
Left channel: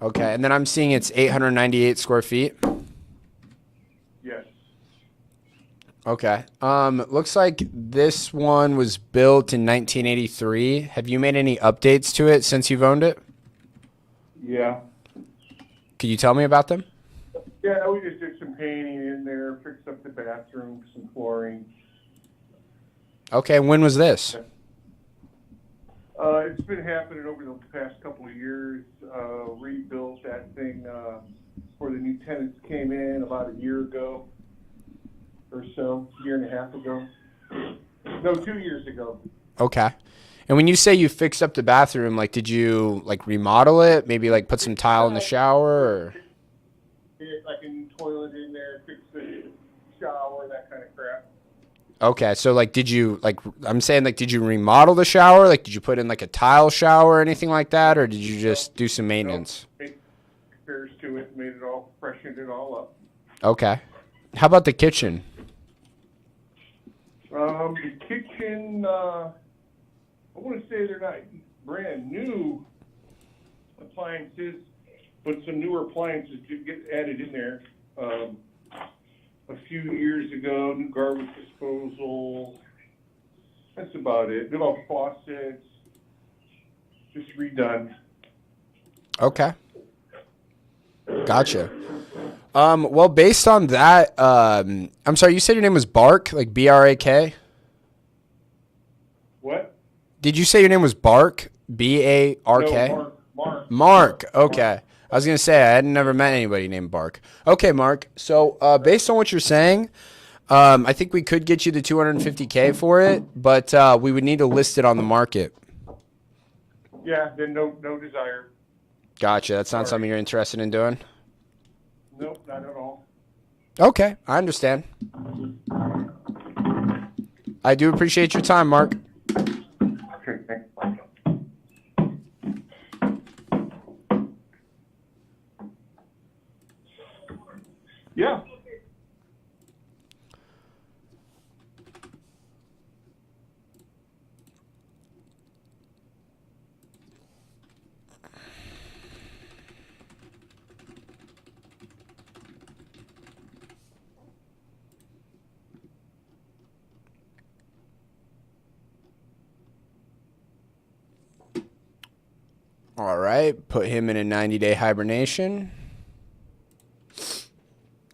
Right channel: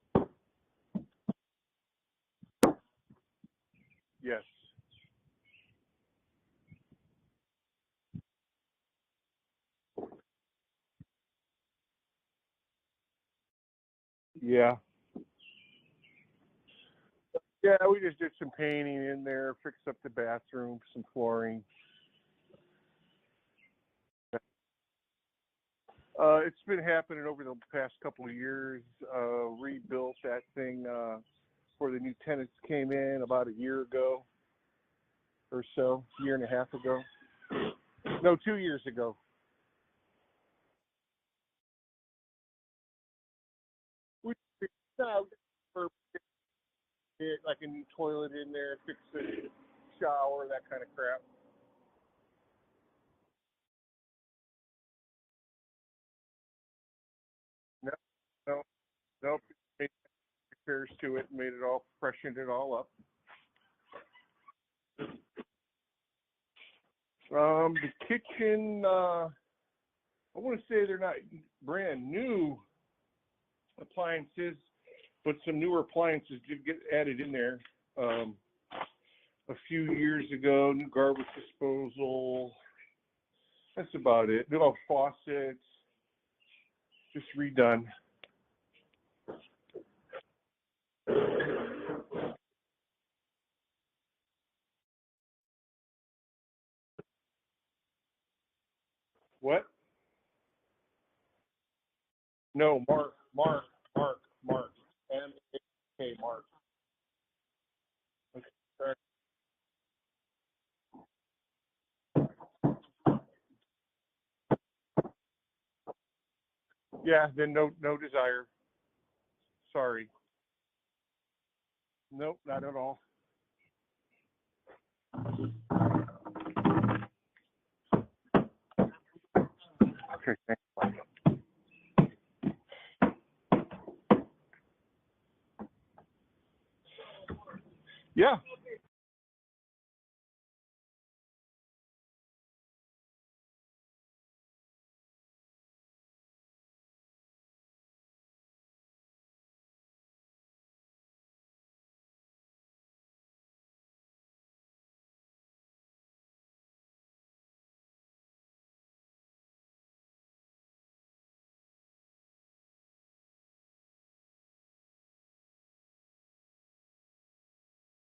Okay. And then I'm seeing it's 898 square feet. Yes. Okay. Looks like this one was built in 1983. Have you made any updates to it since you've owned it? Yeah. Could you tell me about them? Yeah, we just did some painting in there, fixed up the bathroom, some flooring. Okay. When was this? It's been happening over the past couple of years. Rebuilt that thing before the new tenants came in about a year ago or so, year and a half ago. No, 2 years ago. Okay. And when you say you fixed up the bathroom, like, did you like remodel it? Maybe like put some tile in the shower, or? Like a new toilet in there, fix the shower, that kind of crap. Okay, so like, did you like? I'm saying like, did you remodel the shower? Like, did you put in like a tile shower or anything like that, or did you just do some maintenance? Made repairs to it, made it all, freshened it all up. Okay. How about the kitchen? The kitchen, I want to say they're not brand new appliances, but some newer appliances did get added in there a few years ago. New garbage disposal. That's about it. New all faucets. Just redone. Okay. Gotcha. Well, based on that, I'm sorry, you said your name was Bark, like B-R-A-K? What? Did you say your name was Bark? B-A-R-K? No, Mark. Mark. Okay. I was going to say, I had never met anybody named Bark. Okay, Mark. So, based on what you're saying, I think we could get you the $250K for it, but we would need to list it on the market. Yeah, then no desire. Gotcha. That's not Sorry. something you're interested in doing? Nope, not at all. Okay, I understand. I do appreciate your time, Mark. Okay, thanks. Yeah. All right, put him in a 90-day hibernation.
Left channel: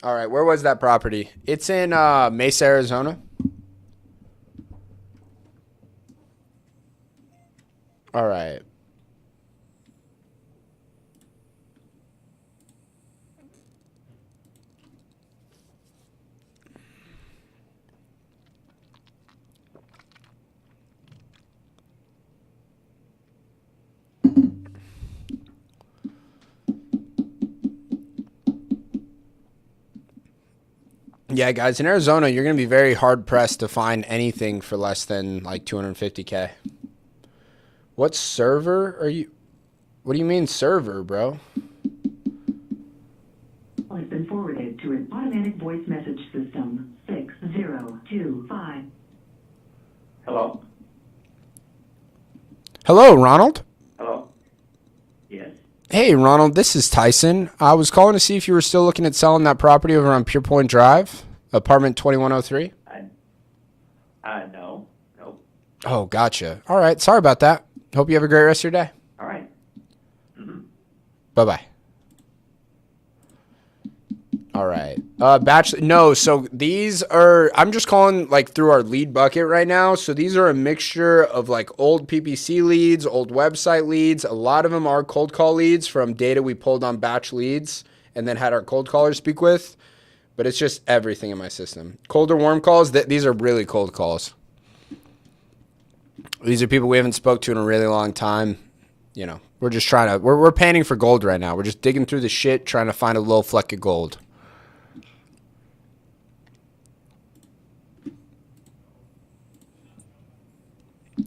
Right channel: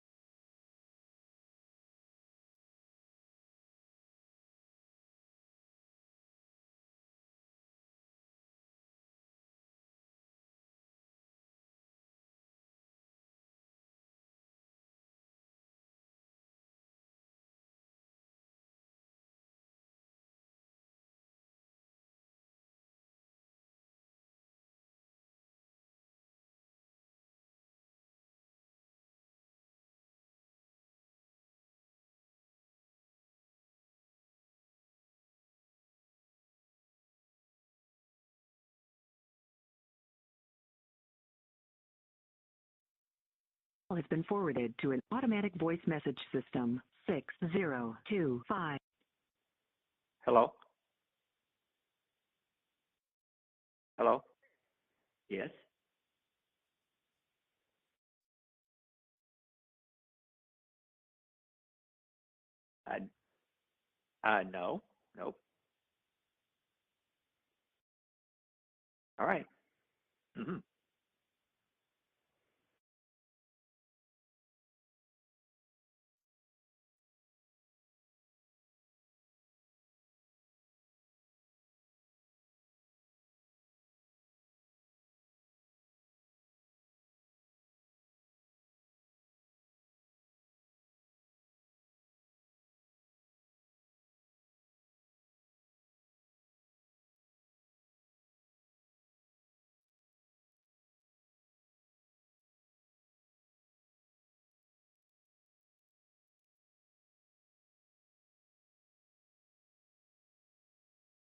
All right, where was that property? It's in Mesa, Arizona. All right. Yeah, guys, in Arizona, you're going to be very hard-pressed to find anything for less than, like, $250K. What server are you... What do you mean server, bro? Has been forwarded to an automatic voice message system. 6025. Hello? Hello, Ronald? Hello? Yes. Hey, Ronald, this is Tyson. I was calling to see if you were still looking at selling that property over on Pure Point Drive, apartment 2103. No. Nope. Oh, gotcha. All right, sorry about that. Hope you have a great rest of your day. All right. Mm-hmm. Bye-bye. All right. No, so these are, I'm just calling like through our lead bucket right now. So these are a mixture of like old PPC leads, old website leads. A lot of them are cold call leads from data we pulled on batch leads and then had our cold callers speak with. But it's just everything in my system. Cold or warm calls, these are really cold calls. These are people we haven't spoke to in a really long time. You know, we're just trying to, we're panning for gold right now. We're just digging through the shit, trying to find a little fleck of gold.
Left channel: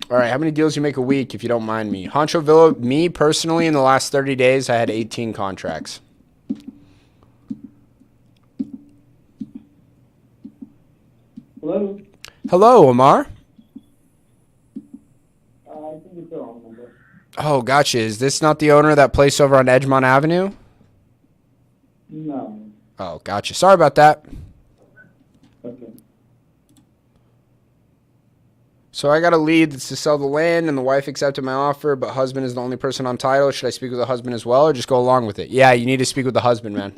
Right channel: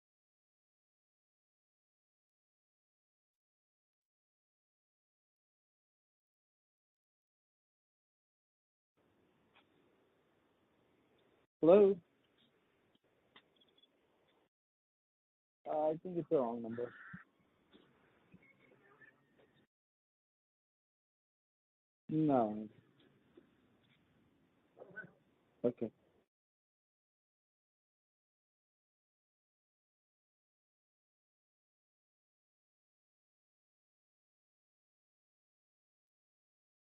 All right, how many deals you make a week, if you don't mind me? Honcho Villa, me personally, in the last 30 days, I had 18 contracts. Hello? Hello, Omar. I think it's the wrong number. Oh, gotcha. Is this not the owner of that place over on Edgemont Avenue? No. Oh, gotcha. Sorry about that. Okay. So I got a lead that's to sell the land, and the wife accepted my offer, but husband is the only person on title. Should I speak with the husband as well, or just go along with it? Yeah, you need to speak with the husband, man.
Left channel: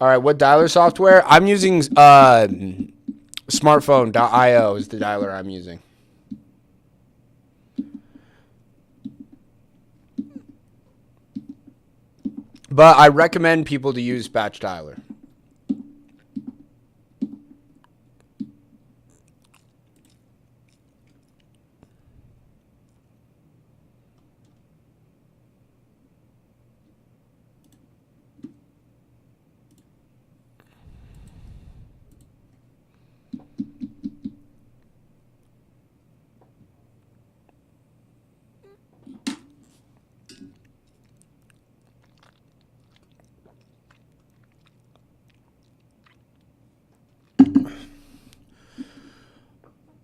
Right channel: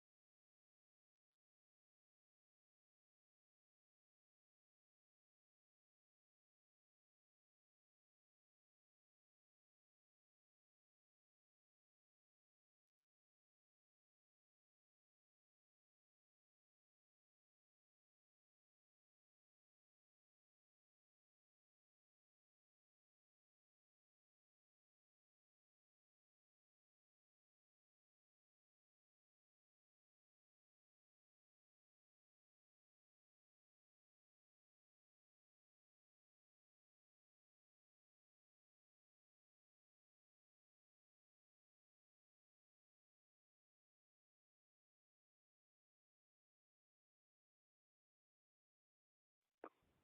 All right, what dialer software? I'm using smartphone.io is the dialer I'm using. But I recommend people to use batch dialer.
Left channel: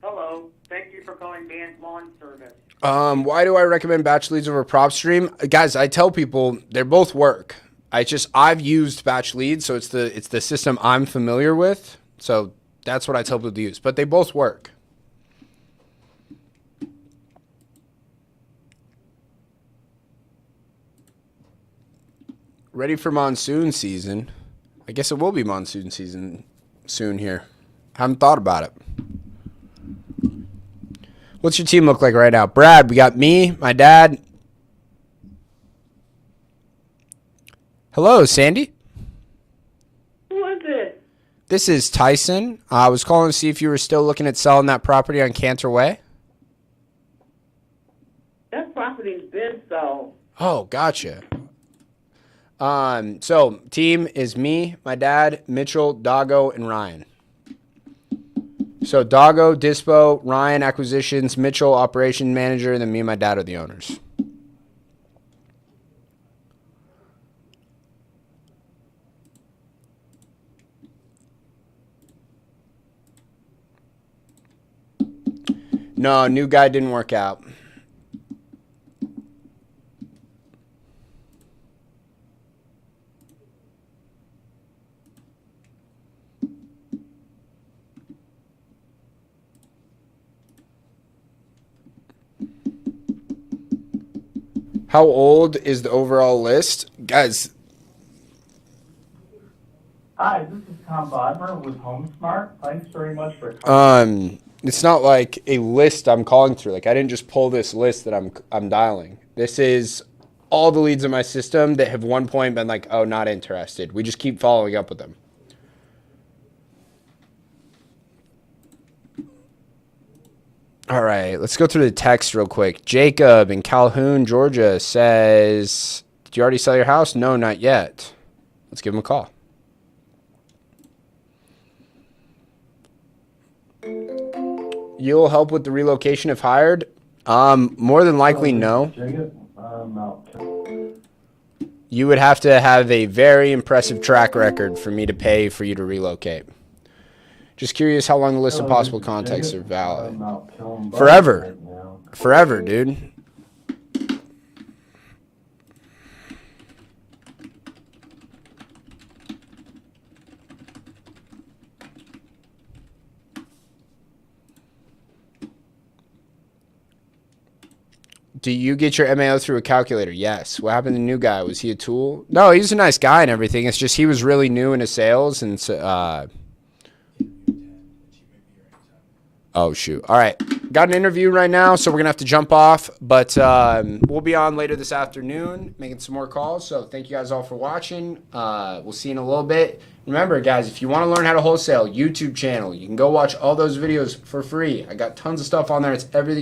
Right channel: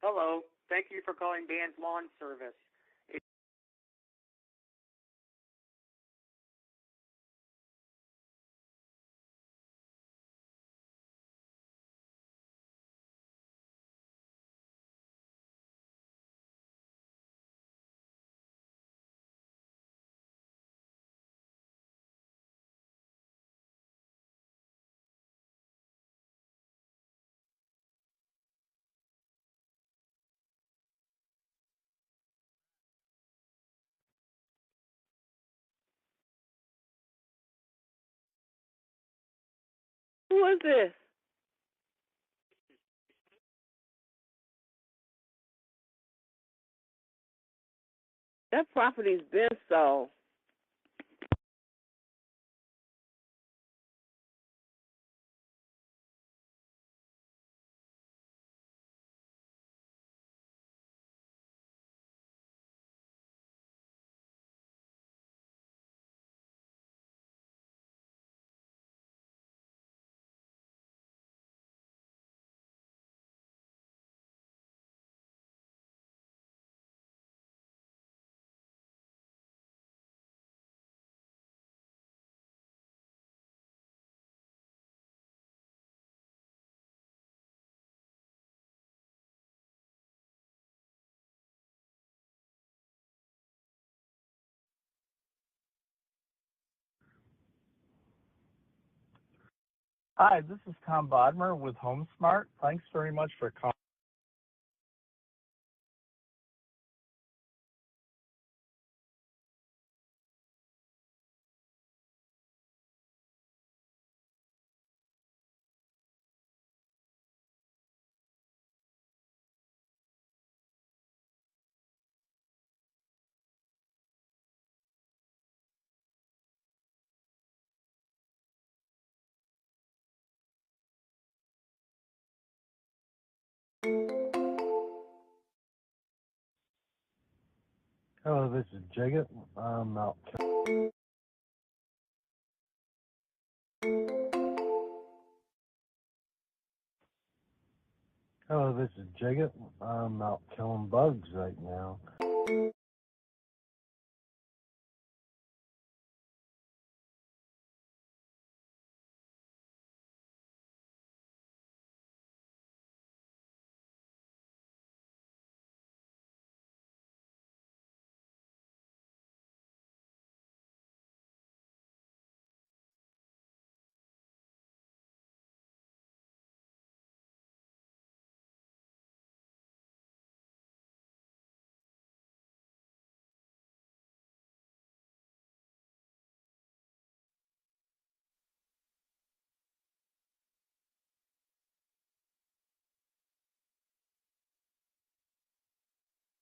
Hello. Thank you for calling Dan's Lawn Service. Why do I recommend batch leads over PropStream? Guys, I tell people they're both work. I've used batch leads, so it's the system I'm familiar with. So that's what I tell people to use. But they both work. Ready for monsoon season. I guess it will be monsoon season soon here. Haven't thought about it. What's your team look like right now? Brad, we got me, my dad. Hello, Sandy. Who is this? This is Tyson. I was calling to see if you were still looking at selling that property on Cantor Way. That property's been sold. Oh, gotcha. So team is me, my dad, Mitchell, Doggo, and Ryan. So Doggo, Dispo, Ryan, acquisitions, Mitchell, operation manager, and then me and my dad are the owners. No, new guy didn't work out. How old is the overall list? Guys, Hi, this is Tom Bodmer with HomeSmart. Thanks very much for calling. it's not like a list I'm calling through. Like I didn't just pull this list that I'm dialing. This is all the leads in my system that have one point been like, oh, not interested. We just keep following up with them. All right, let's go through the text real quick. Jacob in Calhoun, Georgia says, did you already sell your house? No, not yet. Let's give him a call. You'll help with the relocation if hired? More than likely, no. Jacob, You would have to have a very impressive track record for me to pay for you to relocate. Just curious how long the list of possible contacts are valid. Forever. Forever, dude. Do you get your MAO through a calculator? Yes. What happened to the new guy? Was he a tool? No, he was a nice guy and everything. It's just he was really new into sales and oh, shoot. All right. Got an interview right now, so we're going to have to jump off. But we'll be on later this afternoon making some more calls. So thank you guys all for watching. We'll see you in a little bit. Remember, guys, if you want to learn how to wholesale, YouTube channel. You can go watch all those videos for free. I got tons of stuff on there. It's everything.